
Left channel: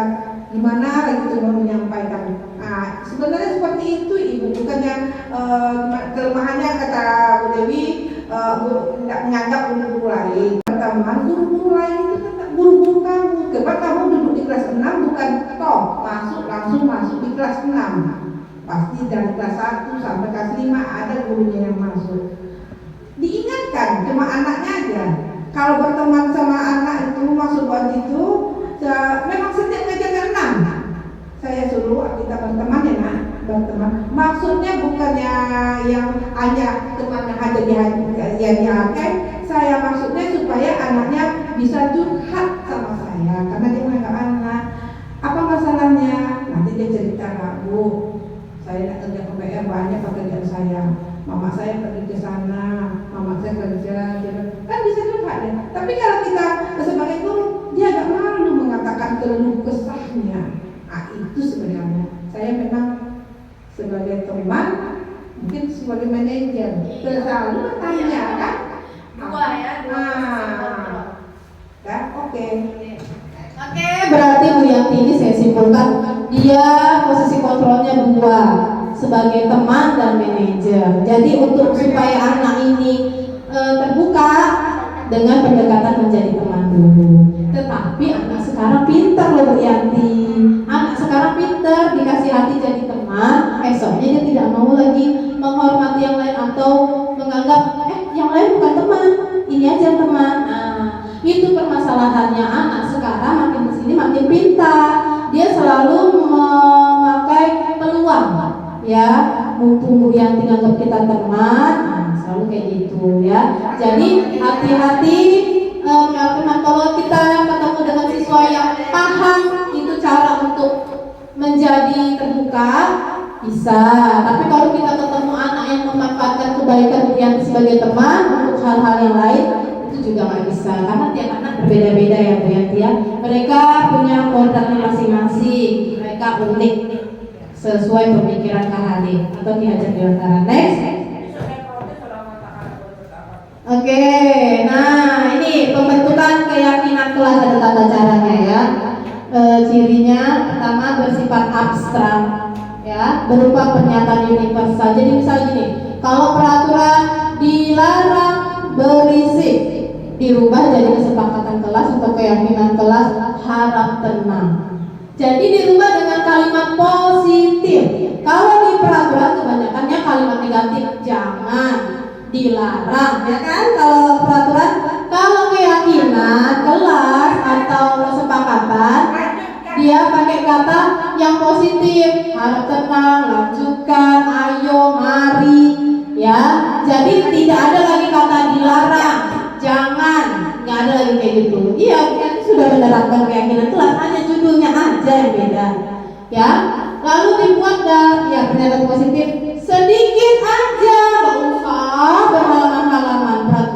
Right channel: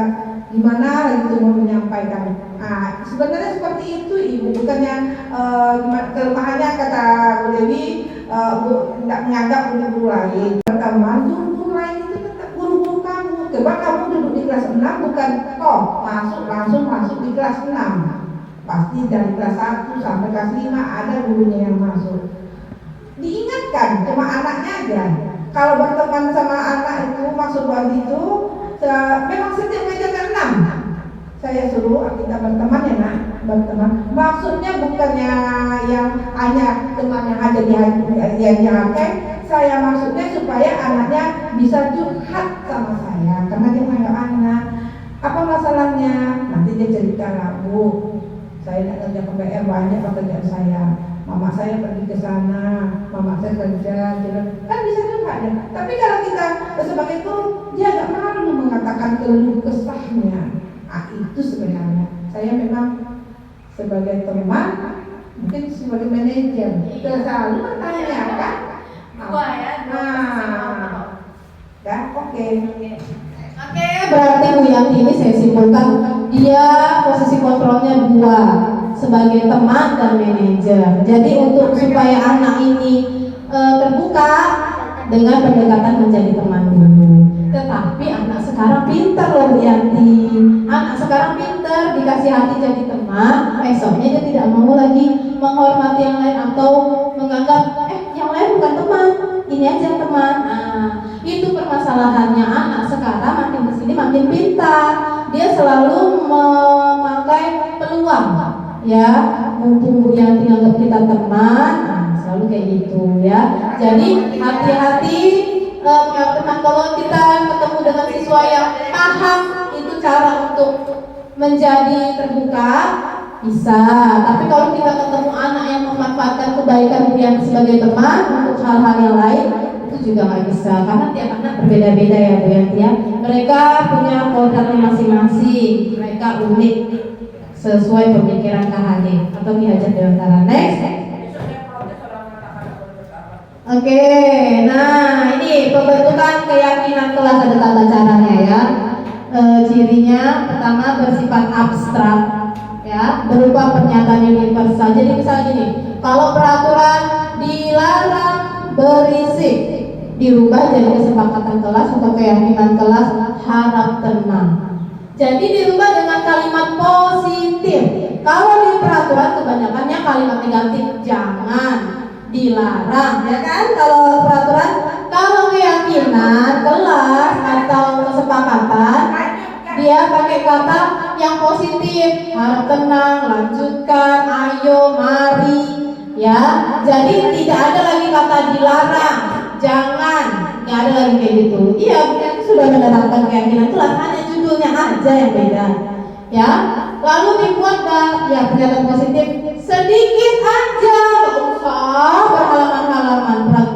gimana lagi tuh mau menyampaikan. Sebenarnya seperti itu ibu, bukan yang kelemahannya kata Bu Dewi tidak menganggap guru lain. Pertama, guru lain itu tetap guru-guru kamu. Coba kamu duduk di kelas 6 bukan langsung masuk di kelas 6. Pasti dari kelas 1 sampai kelas 5 ada gurunya yang masuk. Diingatkan cuma anaknya aja. Kalau berteman sama anak itu masuk buat itu, memang setiap ngajar ke 6. Saya suruh kita berteman ya nak, berteman. Maksudnya bukannya yang hanya teman yang ada di hati. Saya maksudnya supaya anaknya bisa curhat sama saya, karena dia menganggap anak. Apa masalahnya? Nanti dia cerita lah, Bu, saya nak kerja ke PR banyak pekerjaan saya. Mama saya pergi ke sana, mama saya kerja, kan bisa curhat ya. Tapi kalau kita sebagai itu, dia agak malu mengatakan keluh kesahnya. Itu sebenarnya saya memang sebagai teman, mungkin sebagai manajer, selalu bertanya kan. Dua ya, Kan, oke. Berarti Bu Yanti ini saya simpulkan dia posisi kontrolnya 2 sebagai teman dan manajer. Jadi untuk supaya anak ini terbuka dengan pendekatan menjadi teman dulu. Tetapi anak sekarang pintar loh Bu Yanti. Anak sekarang pintar, dikasih hati jadi teman. Esoknya dia tidak mau lagi menghormati yang lain atau menganggap yang lain bukan teman, ini aja teman. Itu permasalahannya anak sekarang makin kesini makin pintar. Dia selalu memakai peluang, ya. Mumpung Bu Yanti anggap kita teman, selalu kayak gitu ya. Jadi hati-hati teman-teman, kalau kita ketemu dengan siswa yang paham itu cara untuk menjadi terbuka bisa. Tapi kalau kita ketemu anak yang memanfaatkan kebaikan Bu Yanti sebagai teman untuk hal-hal yang lain, itu juga nggak bisa, karena tiap anak berbeda-beda ya Bu Yanti ya. Mereka punya kualitasnya masing-masing, mereka unik sesuai pemikiran KHD atau Ki Hajar Dewantara. Next. Oke, nah ini pembentukan keyakinan kelas ada tata caranya ya. Cirinya pertama bersifat abstrak ya, berupa pernyataan universal. Jadi misalnya gini, kalau peraturan dilarang berisik dirubah jadi kesepakatan kelas atau keyakinan kelas harap tenang. Jadi dirubah dengan kalimat positif. Kalau di peraturan kebanyakannya kalimat negatif, jangan, dilarang, ya kan? Kalau peraturan, kalau keyakinan kelas atau kesepakatan, dia pakai kata yang positif, harap tenang, lanjutkan, ayo, mari, ya. Jadi tidak ada lagi kata dilarang, jangan, nggak ada lagi kayak gitu. Iya, kan sudah menerapkan keyakinan kelas, hanya judulnya aja yang beda, ya. Lalu dibuat ya pernyataan positif sedikit aja, nggak usah berhalaman-halaman.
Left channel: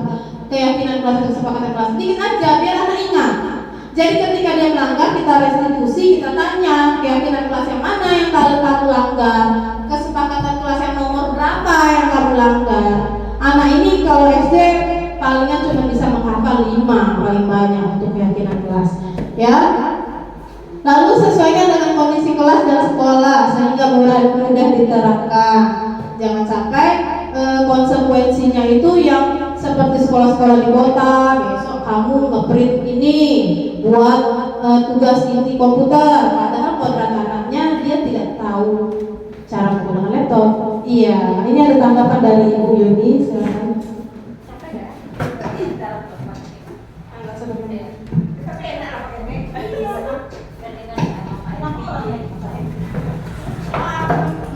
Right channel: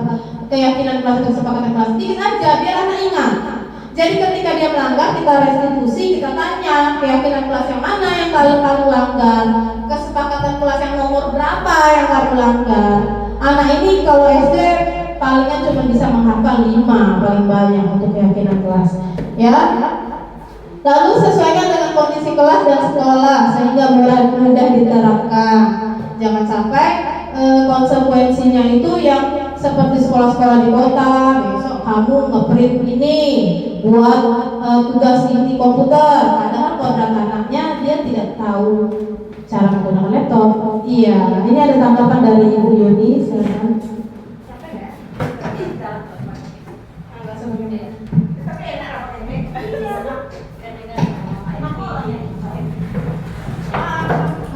Keyakinan kelas atau kesepakatan kelas sedikit aja biar anak ingat. Jadi ketika dia melanggar, kita restitusi, kita tanya keyakinan kelas yang mana yang kamu langgar, kesepakatan kelas yang nomor berapa yang kamu langgar. Anak ini kalau SD palingan cuma bisa menghafal 5 paling banyak untuk keyakinan kelas, ya. Lalu sesuaikan dengan kondisi kelas dan sekolah sehingga mudah diterapkan. Jangan sampai konsekuensinya itu yang seperti sekolah-sekolah di kota, besok kamu ngeprint ini buat tugas ini komputer, padahal kodrat anaknya dia tidak tahu cara menggunakan laptop. Iya, ini ada tanggapan dari Ibu Yuni sekarang.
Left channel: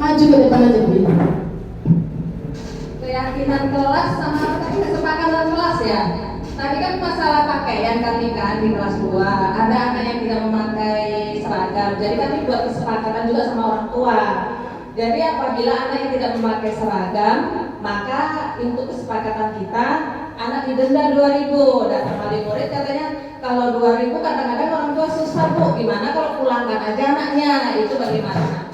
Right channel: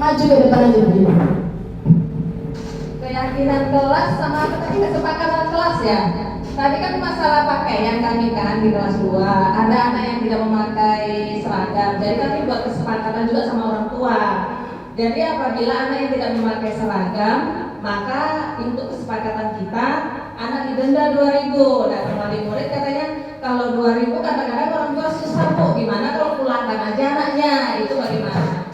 Maju ke depan aja Bu. Keyakinan kelas sama kesepakatan kelas ya. Tadi kan masalah pakaian kami kan di kelas 2 ada anak yang tidak memakai seragam. Jadi kami buat kesepakatan juga sama orang tua. Jadi apabila anak yang tidak memakai seragam, maka untuk kesepakatan kita anak didenda 2.000. Dan wali murid katanya kalau 2.000 kadang-kadang orang tua susah Bu. Gimana kalau pulangkan aja anaknya? Itu bagaimana?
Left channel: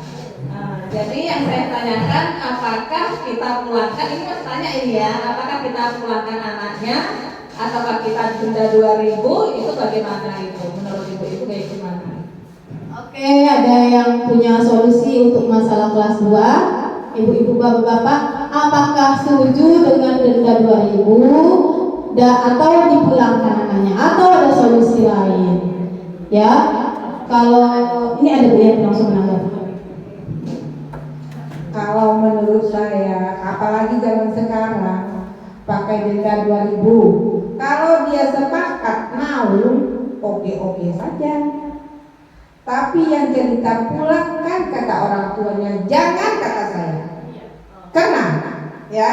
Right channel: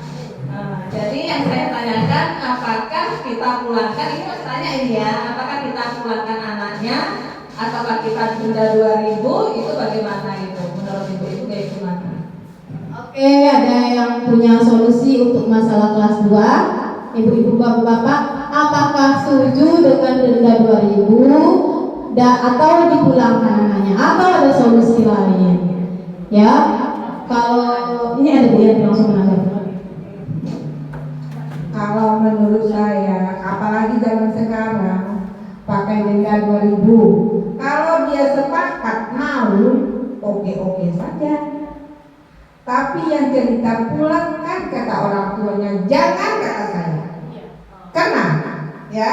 Jadi yang saya tanyakan, apakah kita pulangkan, ini mas tanya ini ya, apakah kita pulangkan anaknya ataukah kita denda 2.000, itu bagaimana itu menurut ibu kayak gimana? Oke, ada yang punya solusi untuk masalah kelas 2? Ibu-ibu, bapak-bapak, apakah setuju dengan denda 2.000 atau dipulangkan anaknya, atau ada solusi lain? Ya, kalau ini ada Bu yang langsung menanggapi. Kalau menurut saya, apalagi zaman sekarang pakai denda 2.000, kalau dia sepakat mau, oke-oke saja. Tapi yang cerita pulangkan kata orang tuanya, jangan kata saya. Karena ya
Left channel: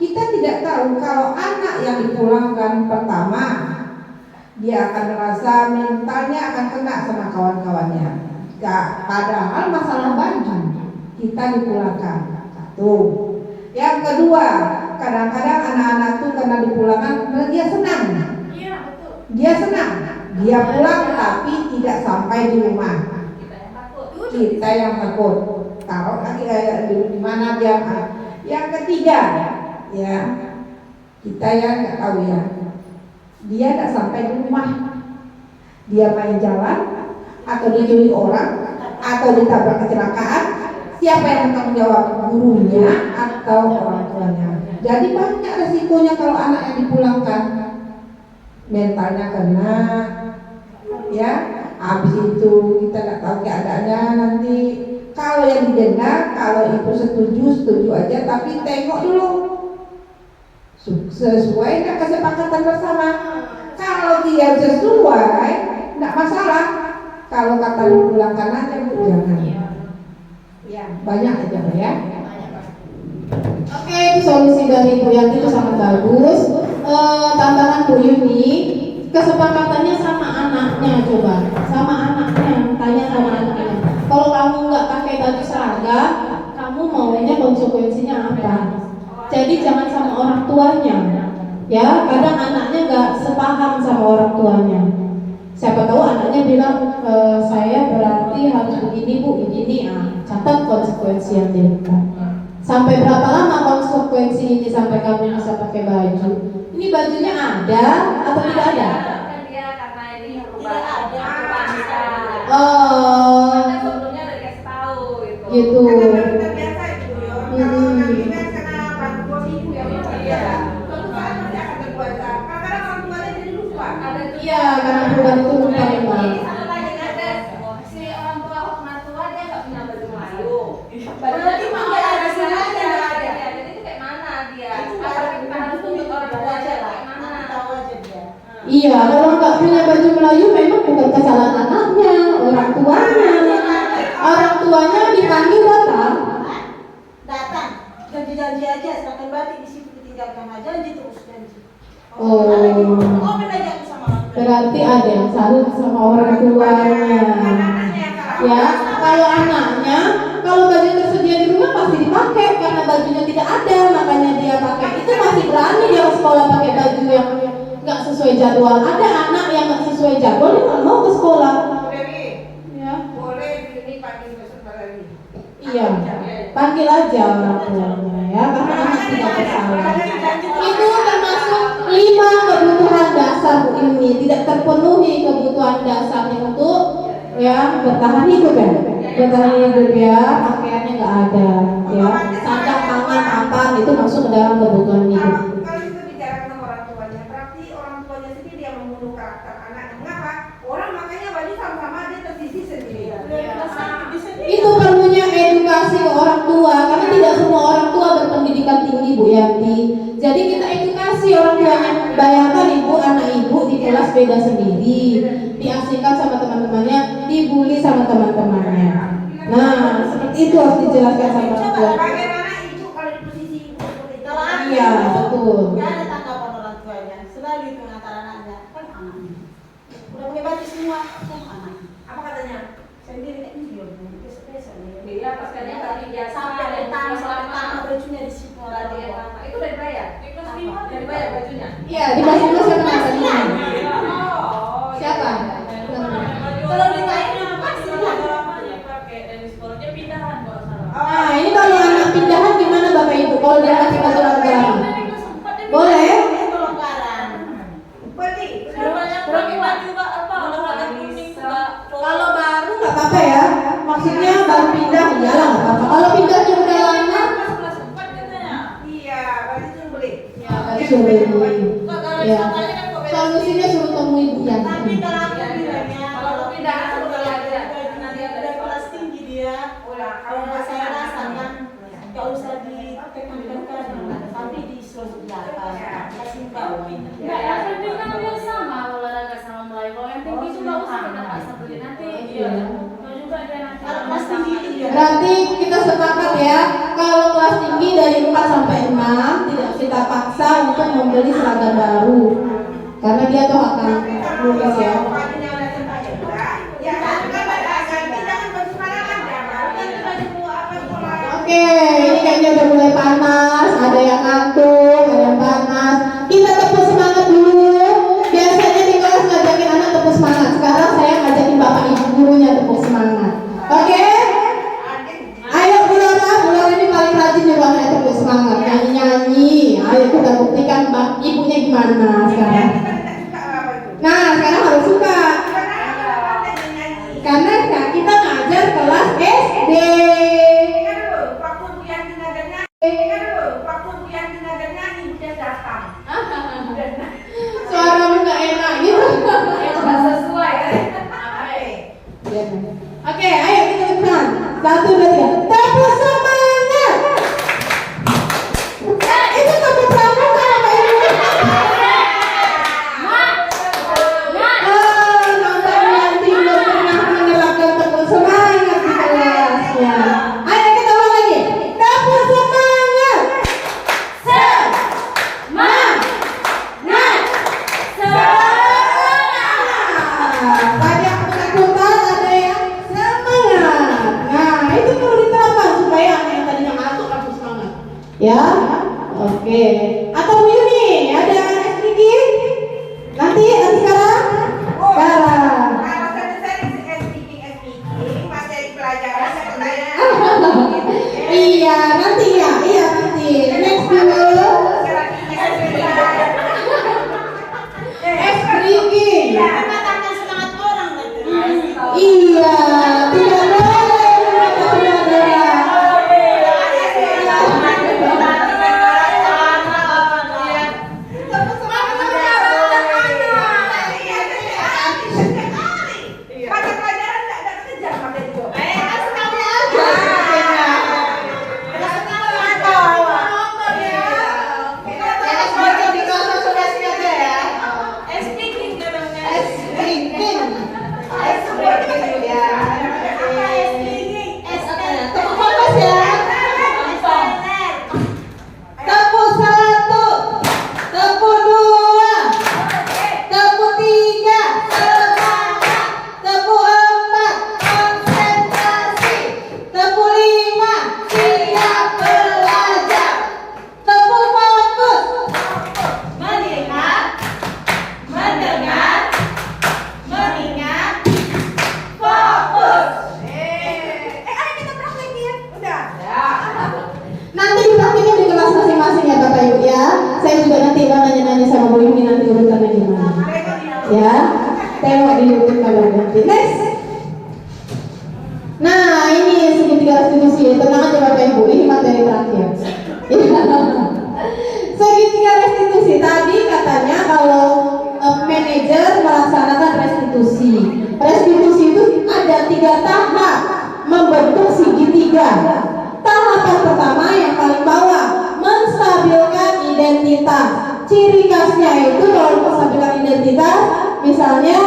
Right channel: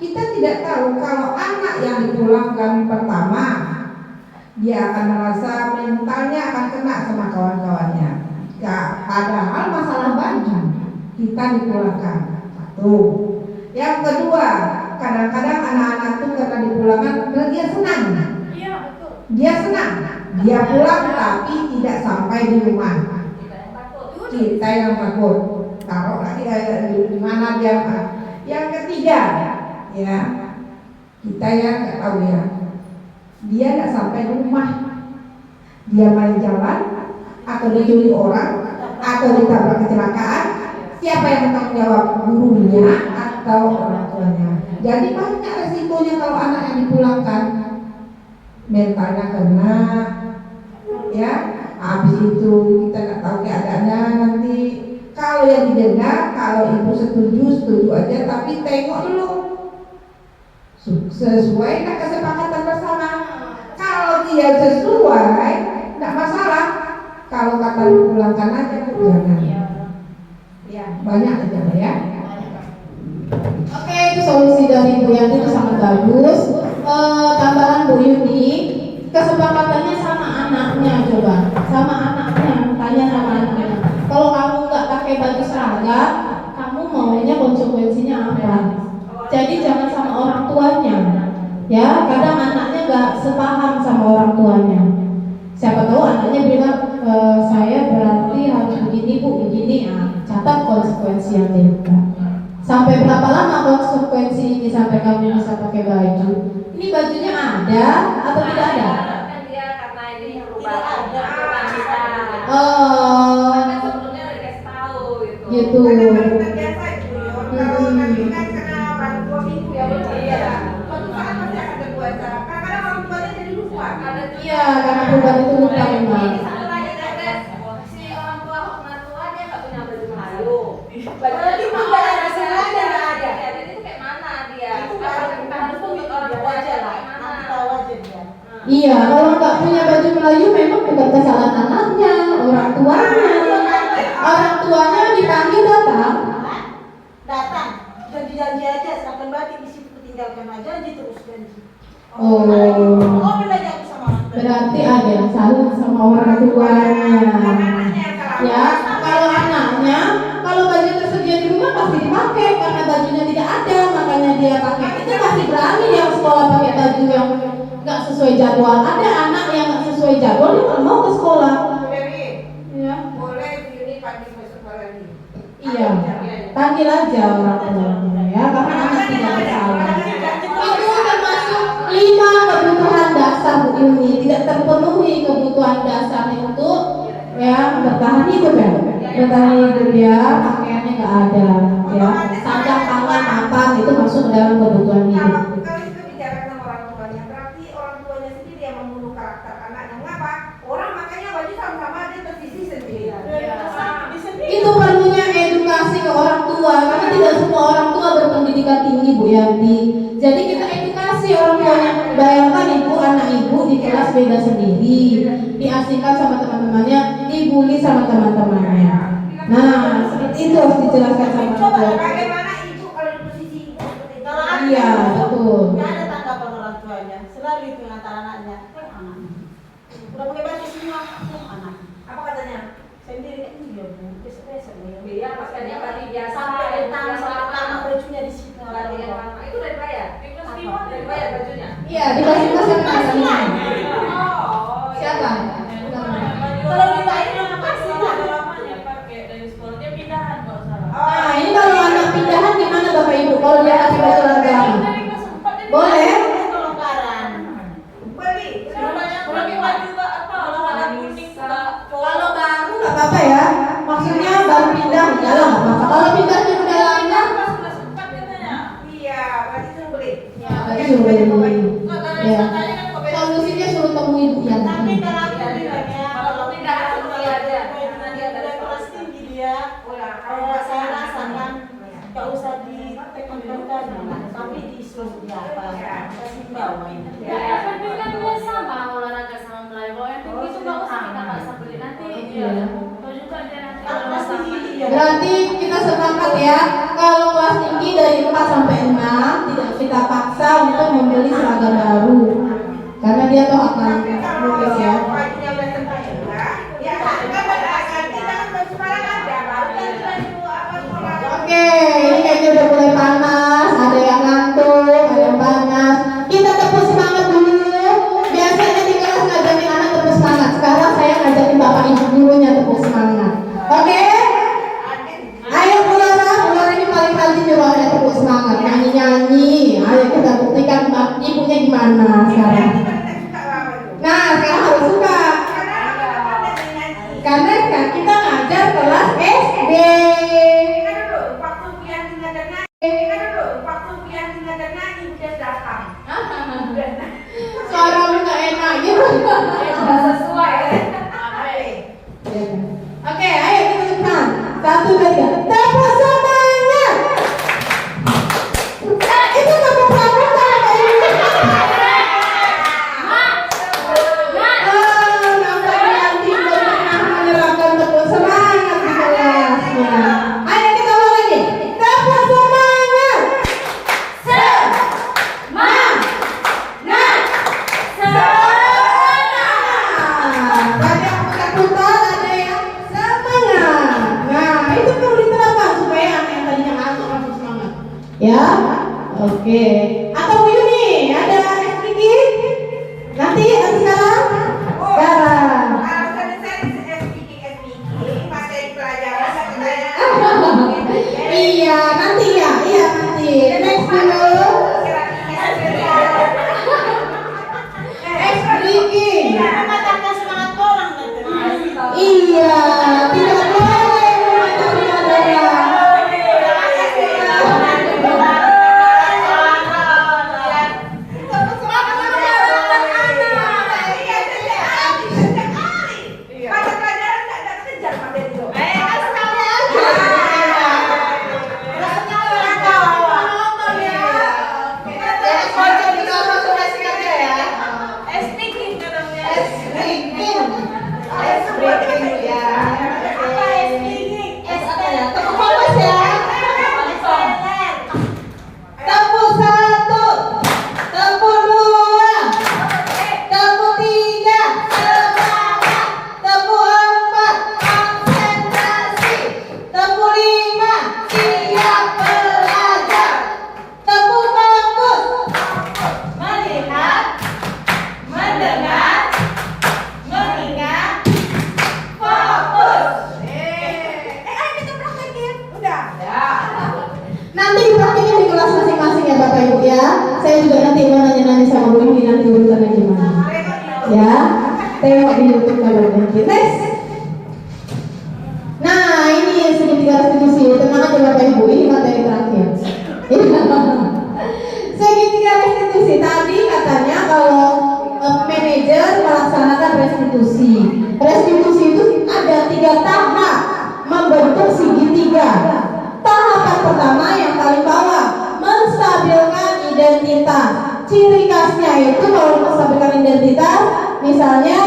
kita tidak tahu kalau anak yang dipulangkan pertama, dia akan merasa mentalnya akan kena sama kawan-kawannya. Padahal masalah baju kita dipulangkan. Satu. Yang kedua, kadang-kadang anak-anak itu karena dipulangkan dia senang. Iya, betul. Dia senang. Dia pulang tapi tidak sampai di rumah. Kita yang takut. Taruh lagi di mana dia. Yang ketiga, ya kita yang nggak tahu ya. Dia nggak sampai di rumah. Dia main jalan atau diculik orang atau ditabrak kecelakaan. Siapa yang bertanggung jawab, gurunya atau orang tuanya? Jadi banyak resikonya kalau anak yang dipulangkan, mentalnya kena, ya. Habis itu kita nggak tahu keadaannya nanti. Kalau yang didenda, kalau ibu setuju aja, tapi tengok dulu sesuai dengan kesepakatan bersama. Kalau dia sesuai, nggak masalah. Kalau kata dipulangkan aja, jangan. Ya, banyak aja ya. Oke, itu solusi dari Bu Yanti itu sangat bagus. Tambahan Bu Yuni, kesepakatannya sama anaknya, coba sama anaknya, tanya sama anaknya. Kalau kamu nggak pakai baju seragam, kamu maunya konsekuensinya apa? Jadi jangan sama orang tuanya, ya. Kadang anaknya nggak sepaham sama orang tuanya. Siapa tahu anaknya bilang, saya berarti harus begini Bu, begini. Catat konsekuensi yang dia minta. Sampai berapa lama konsekuensi ini sampai kamu bisa pakai baju? Ini bajunya ada atau tidak ada? Kan dia karena ini Tidak ada. Oh, Karena sebelumnya udah dikasih tahu gitu. gitu. Biasa itu ya. Kalau nanti kan kena orang tua ibu ya betul ya. Suatu saat pasti akan berpuasa. Kadang-kadang orang tuanya jadi lupa. Iya, karena perubahan itu lupa memang. Ini satu lagi ada si orang tua Hokmah tua dia nggak punya baju Melayu. Baju Berarti mah nggak ada sebenarnya, nggak ada. Ya, jadi itu kayak mana dia? Itu nggak Apa ada. kita harus Itu tuntut orang tua aja lah. Nanti Mana? tahu aja dia. Iya, kalau nggak punya baju Melayu memang bukan kesalahan anaknya, orang tuanya. Orang tuanya dipanggil datang. Datang, janji-janji aja. Semakin berarti di situ ditinggalkan aja, janji terus janji. Oh. Oh, belajar sama orang tua. Berarti ada yang salut sama orang tuanya. Ya, kalau anaknya, kalau baju tersedia di rumah pasti dipakai karena bajunya tidak ada, makanya dia pakai. Itu masih berani dia ke sekolah pakai baju yang nggak sesuai jadwal. Ada anak yang nggak sesuai jadwal dia nggak mau ke sekolah. Ya, Boleh ini pagi besok lagi. iya. Panggil aja orang tuanya ya, karena anak tidak bersalah. Itu termasuk 5 kebutuhan dasar Bu Ilmi. Tidak terpenuhi kebutuhan dasarnya untuk ya bertahan hidup ya. Bertahan hidup ya, pakaiannya nggak ada ya. Sandang, pangan, makan itu masuk ke dalam kebutuhan hidup. Kalau kita bicara sama orang tuanya, berarti orang tuanya sendiri yang membunuh karakter anaknya. Mengapa? Orang makanya baju sama-sama dia tersisi sendiri. Itu perlunya edukasi ke orang tua karena tidak semua orang tua berpendidikan tinggi Bu Yanti. Jadi kita edukasi orang tuanya. Bayangkan ibu, anak ibu di kelas beda sendiri, diasingkan sama teman-temannya, dibully sama teman-temannya. Nah, seperti itu harus dijelaskan sama orang tua. Bagaimana ibu kalau di posisi ibu seperti itu? Kalau aku Iya, betul. nggak ada tanggapan orang tuanya. Selalu itu antara anaknya, kan anaknya. Udah pakai baju semua, kan anaknya. Apa katanya? Sendiri kan dia biasa-biasa. Iya, pas kan dia lagi biasa. Sampai ada tangan bajunya di situ. Itu udah dibayar. Udah dibayar bajunya. Iya, di kelas itu siapa namanya? Oh, Siapa? Kalau ditanya mana pasti lah. Nah, ini kalau anak pindahan gimana Bapak Ibu? Kalau dia kasih baju olahraga lama? Boleh? Kelonggaran. Beli. Kalau baru nggak apa-apa ya. Maksudnya baru pindah iyalah nggak apa-apa. Kalau pindahnya udah lama, Iya, baju itu beli. ya berarti suruh beli. Ya. Solusinya suruh temui Bu Tapi Yanti. kalau aku bilangnya kalau pindah pindah sudah sudah ada. nanti ada kelas tinggi dia. Kalau saya rasakan nggak usah ditekan-tekan, tapi disuruh di atas, kasih bawah. Ya, yang penting kan dia sama olahraga sama Melayu. Kalau yang tinggi itu nggak usah kita paksa beli nanti. Iya. Kalau juga dia nanti Kalau kelas tinggi dia. Berarti kita sepakat ya, kalau kelas tinggi dari 4 sampai 6 tidak kita paksa untuk membeli seragam baru. Karena dia tuh akan lulus ya. Bajunya udah tentang ya kan beragam. Kita kan baru sekarang aja, baru kan kita dulu apa sekolah. Oke, ini kayaknya udah mulai panas, ada yang ngantuk, ada yang panas. Kita tepuk semangat dulu. Biasanya di kelas ngajakin anak tepuk semangat. Sekarang saya ngajakin bapak ibu gurunya tepuk semangat. Oke? Ayo Bu Laura ini paling rajin coba anak tepuk semangat, nyanyi-nyanyi. Ayo kita buktikan ibunya gimana sekarang. Nah, sekarang harus suka. Karena kita ngajar kelas SD. Suara nggak enak gitu. sesuai. Oke, ayo kita lakukan. 1, 2, 3. Tepuk semangat. Itu tepuk pramuka ya Pak Ibu. Nampak Yanti belum pernah menerapkan tepuk semangat di kelasnya. Ayo kita ulang lagi. Tepuk semangat. Ada yang ketakutan, ada yang semangat. Nah, itu perlu identitas. Ciri khasnya itu kalau menstabilkan identitas, misalnya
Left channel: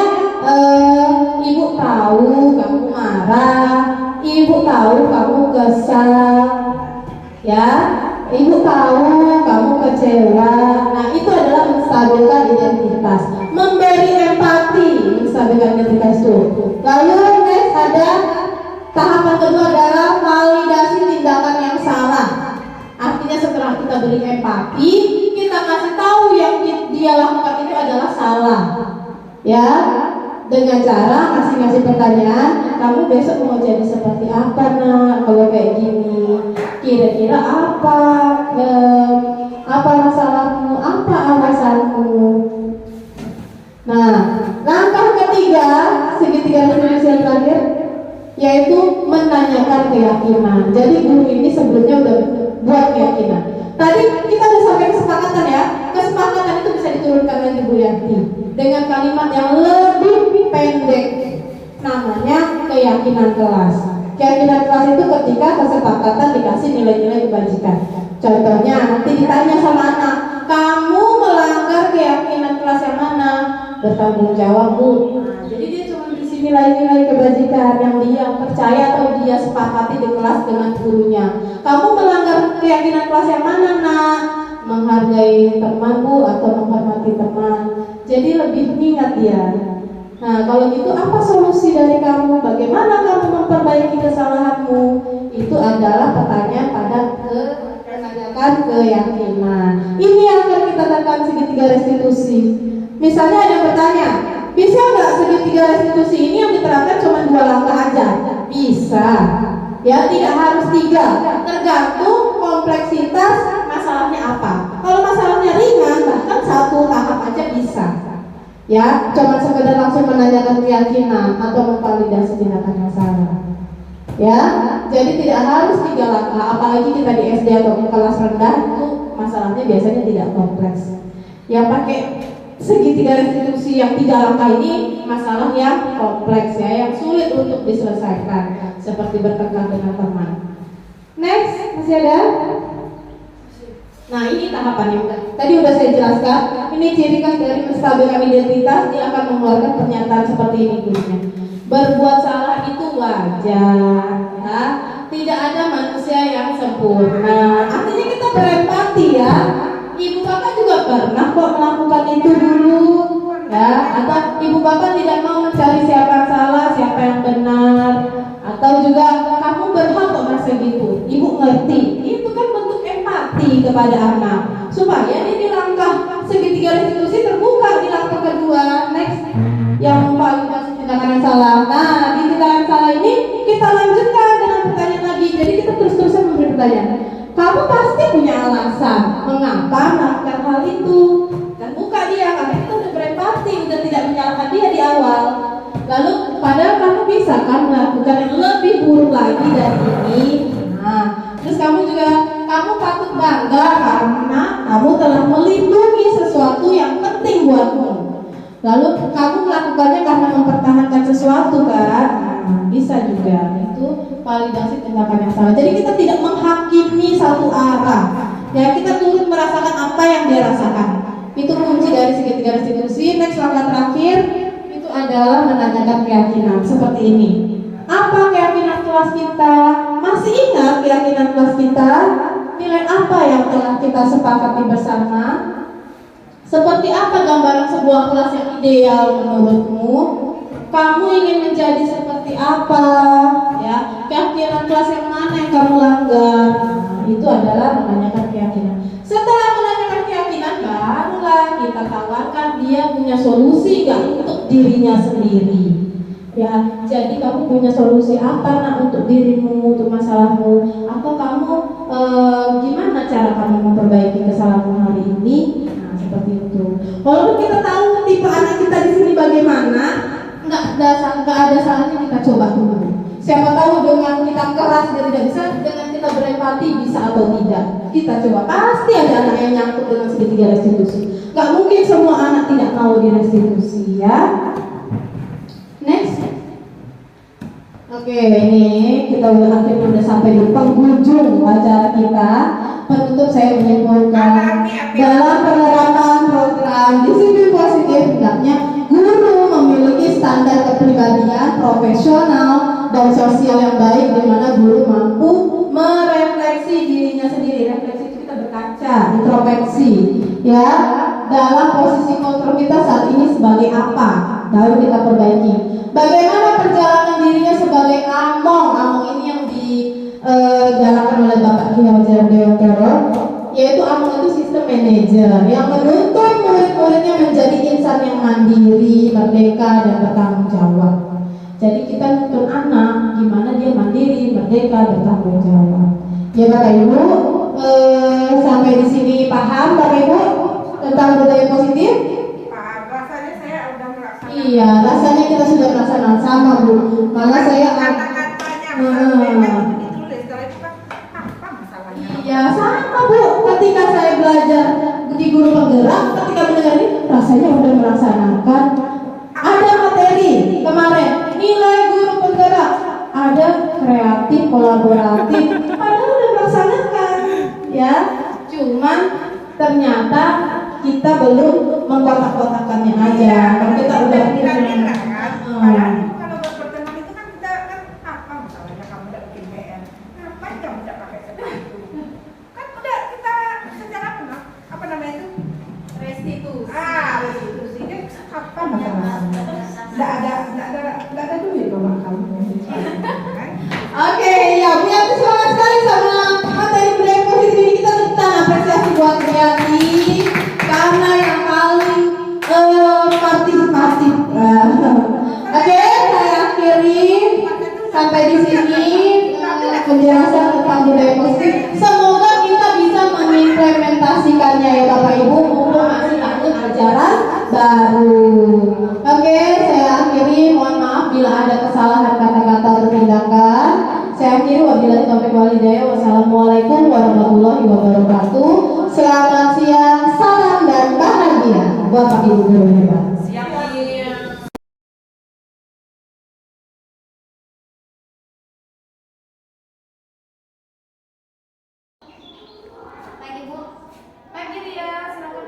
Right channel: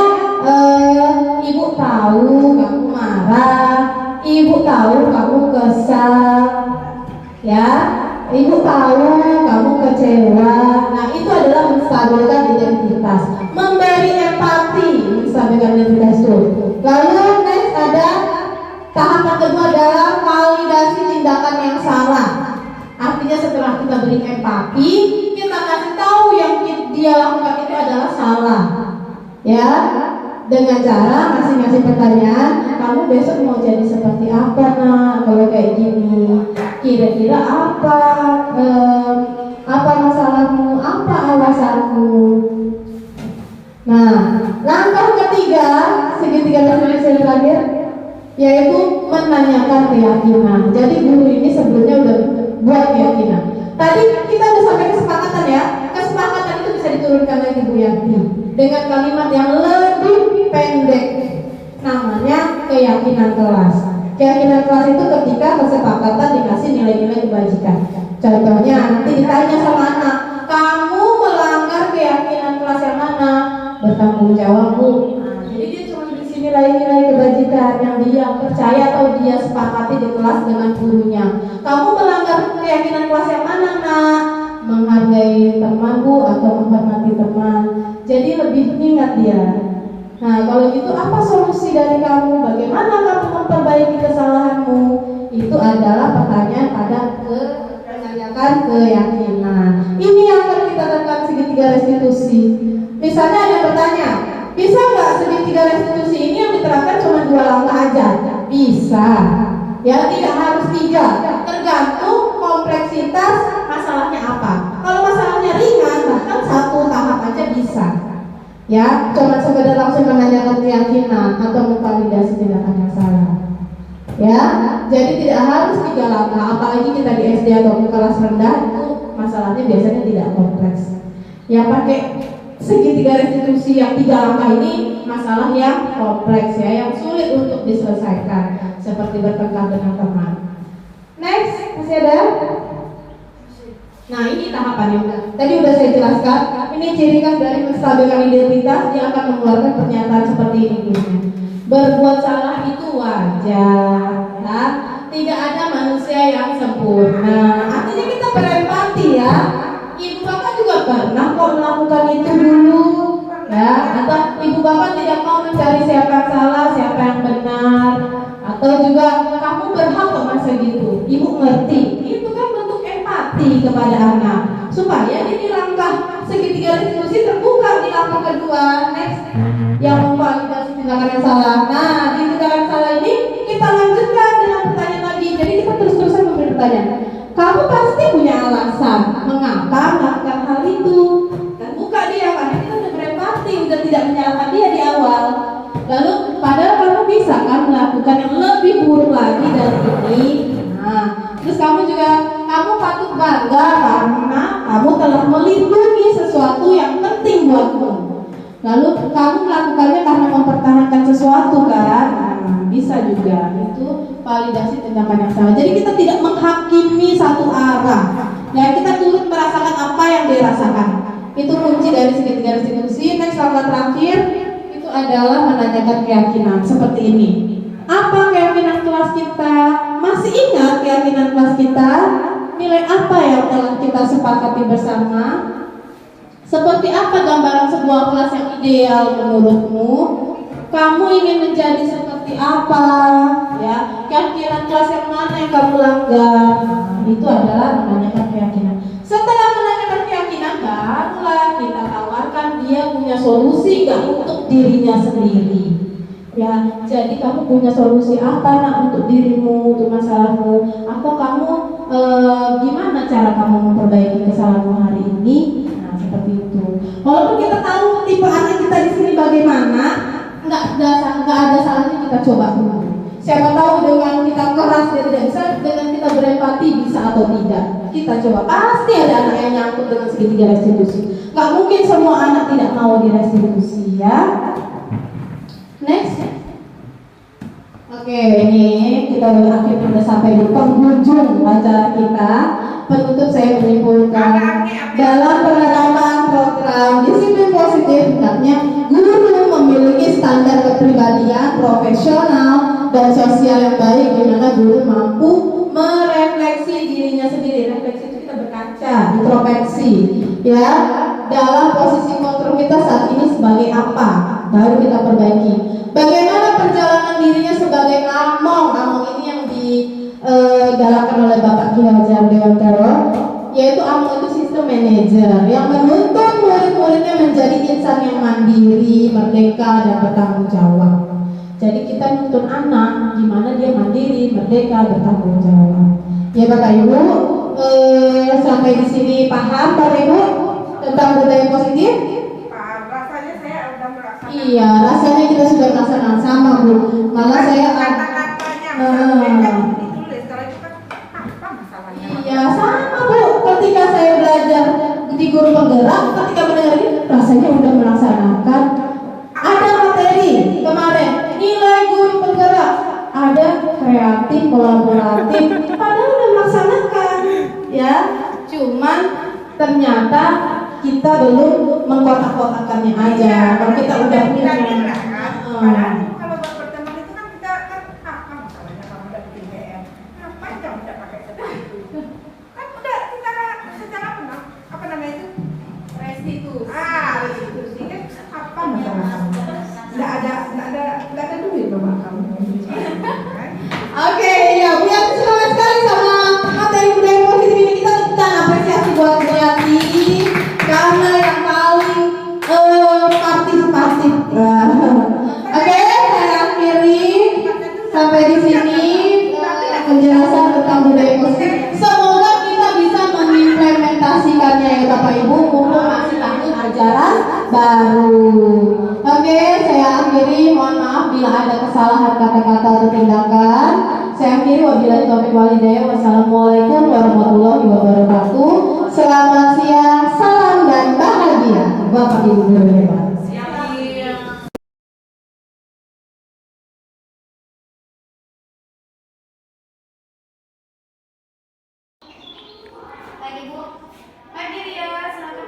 ibu tahu kamu marah, ibu tahu kamu kesal, ya, ibu tahu kamu kecewa. Nah, itu adalah menstabilkan identitas, memberi empati, menstabilkan identitas itu. Lalu next ada tahapan kedua adalah validasi tindakan yang salah. Artinya setelah kita beri empati, kita kasih tahu yang dia lakukan itu adalah salah, ya, dengan cara masing-masing pertanyaan. Kamu besok mau jadi seperti apa, nak? Kalau kayak gini, kira-kira apa masalahmu, apa alasanmu? Nah, langkah ketiga, segitiga definisi yang terakhir, yaitu menanyakan keyakinan. Jadi guru ini sebelumnya udah buat keyakinan. Tadi kita udah sampai kesepakatan ya. Kesepakatan itu bisa diturunkan lagi Bu Yanti dengan kalimat yang lebih pendek, namanya keyakinan kelas. Keyakinan kelas itu ketika kesepakatan dikasih nilai-nilai kebajikan. Contohnya nanti ditanya sama anak, kamu melanggar keyakinan kelas yang mana? Bertanggung jawab Bu. Nah, jadi dia cuma berisi nilai-nilai kebajikan yang dia percaya atau dia sepakati di kelas dengan gurunya. Kamu melanggar keyakinan kelas yang mana, nak? Menghargai teman Bu, atau menghormati teman. Jadi lebih mengingat dia. Nah, kalau gitu apa solusi dari kamu? Bagaimana kamu memperbaiki kesalahanmu? Itu adalah pertanyaan pada menanyakan keyakinan. Ini yang akan kita tekan segitiga restitusi. Misalnya ada pertanyaan, bisa nggak segitiga restitusi ini yang diterapkan cuma 2 langkah aja? Bisa. Ya, tidak harus 3. Tergantung kompleksitas masalahnya apa. Kalau masalahnya ringan, bahkan 1 tahap aja bisa. Ya, cuma sekedar langsung menanyakan keyakinan atau memvalidasi tindakan masalah. Ya, jadi tidak harus 3 langkah. Apalagi kita di SD atau di kelas rendah itu masalahnya biasanya tidak kompleks. Yang pakai segitiga restitusi yang 3 langkah ini masalah yang kompleks ya, yang sulit untuk diselesaikan, seperti bertengkar dengan teman. Next, masih ada? Nah, ini tahapannya. Tadi udah saya jelaskan. Ini ciri khas dari menstabilkan identitas. Dia akan mengeluarkan pernyataan seperti ini gurunya. Berbuat salah itu wajar, ya. Tidak ada manusia yang sempurna. Artinya kita berempati ya. Ibu bapak juga pernah kok melakukan itu dulu, ya. Atau ibu bapak tidak mau mencari siapa yang salah, siapa yang benar. Atau juga kamu berhak kok masa gitu. Ibu ngerti. Itu kan bentuk empati kepada anak. Supaya di langkah segitiga restitusi terbuka di langkah kedua. Next, yang memvalidasi tindakan yang salah. Nah, di tindakan yang salah ini kita lanjutkan dengan pertanyaan lagi. Jadi kita terus-terusan memberi pertanyaan. Kamu pasti punya alasan mengapa melakukan hal itu. Dan buka dia, karena kita udah berempati, udah tidak menyalahkan dia di awal. Lalu padahal kamu bisa kan melakukan yang lebih buruk lagi dari ini. Nah, terus kamu patut bangga karena kamu telah melindungi sesuatu yang penting buatmu. Lalu kamu melakukannya karena mempertahankan sesuatu kan? Nah, bisa juga. Itu validasi tindakan yang salah. Jadi kita tidak menghakimi satu arah. Ya, kita turut merasakan apa yang dia rasakan. Itu kunci dari segitiga restitusi. Next, langkah terakhir itu adalah menanyakan keyakinan seperti ini. Apa keyakinan kelas kita? Masih ingat keyakinan kelas kita? Nilai apa yang telah kita sepakati bersama? Seperti apa gambaran sebuah kelas yang ideal menurutmu? Kamu ingin menjadi seperti apa? Ya, keyakinan kelas yang mana yang kamu langgar? Nah, itu adalah menanyakan keyakinan. Setelah menanyakan keyakinan, barulah kita tawarkan dia punya solusi nggak untuk dirinya sendiri. Ya, jadi kamu punya solusi apa nak untuk dirimu, untuk masalahmu? Atau kamu gimana cara kamu memperbaiki kesalahanmu hari ini? Nah, seperti itu. Walaupun kita tahu tipe anak kita di sini bagaimana, nggak ada salahnya kita coba dulu. Siapa tahu dengan kita keras dia tidak bisa, dengan kita berempati bisa atau tidak. Kita coba. Pasti ada anak yang nyangkut dengan segitiga restitusi. Nggak mungkin semua anak tidak mau di restitusi ya. Next. Oke, ini kita akhirnya sudah sampai di penghujung acara kita. penutup saya menyimpulkan dalam penerapan program disiplin positif hendaknya guru memiliki standar kepribadian profesional dan sosial yang baik, di mana guru mampu merefleksi dirinya sendiri. Refleksi itu kita berkaca, introspeksi, ya, dalam posisi kontrol kita saat ini sebagai apa, baru kita perbaiki. Bagaimana perjalanan dirinya sebagai among ini yang digalakkan oleh Bapak Ki Hajar Dewantara, yaitu among itu sistem manajer yang menuntut murid-muridnya menjadi insan yang mandiri, merdeka, dan bertanggung jawab. Jadi kita nuntun anak gimana dia mandiri, merdeka, bertanggung jawab. Ya Bapak Ibu, sampai di sini paham Bapak Ibu tentang budaya positif? Rasanya saya udah melaksanakan. Iya, rasanya kita sudah melaksanakan sama Bu. Malah saya kata-katanya misalnya ditulis, setelah itu kan apa masalahnya? iya sama Bu. Ketika saya belajar di guru penggerak, ketika mendengar ini rasanya udah melaksanakan. Ada materi kemarin nilai guru penggerak, ada kreatif, kolaboratif, padahal udah melaksanakan, ya. Cuman ternyata kita belum mengkotak-kotakannya aja. Kalau kita udah bilangnya punya, lah kan. Padahal kalau buat pertemuan itu kan kita kan apa masalahnya kamu udah bikin PR? Ngapain kamu udah pakai sepatu? Kan udah kita secara apa namanya itu? Restitusi. Restitusinya apa masalahnya? Nggak ada duit loh kamu. Oke, ya, punya semangat sekali sama materi budaya positif ini. Kita tentang apresiasi buat Kreati karena yang paling partisipatif. Oke, saya akhiri sampai di sini penjelasan tentang budaya positif. Semoga kita bisa mengimplementasikannya ya Bapak Ibu mumpung masih tahun ajaran baru. Oke, saya akhiri. Mohon maaf bila ada kesalahan kata-kata atau tindakan. Saya akhiri wabillahi taufiq walhidayah. Wassalamualaikum warahmatullahi wabarakatuh. Selamat siang, salam dan bahagia Bapak Ibu guru hebat. Pagi Bu. Pagi dia, selamat.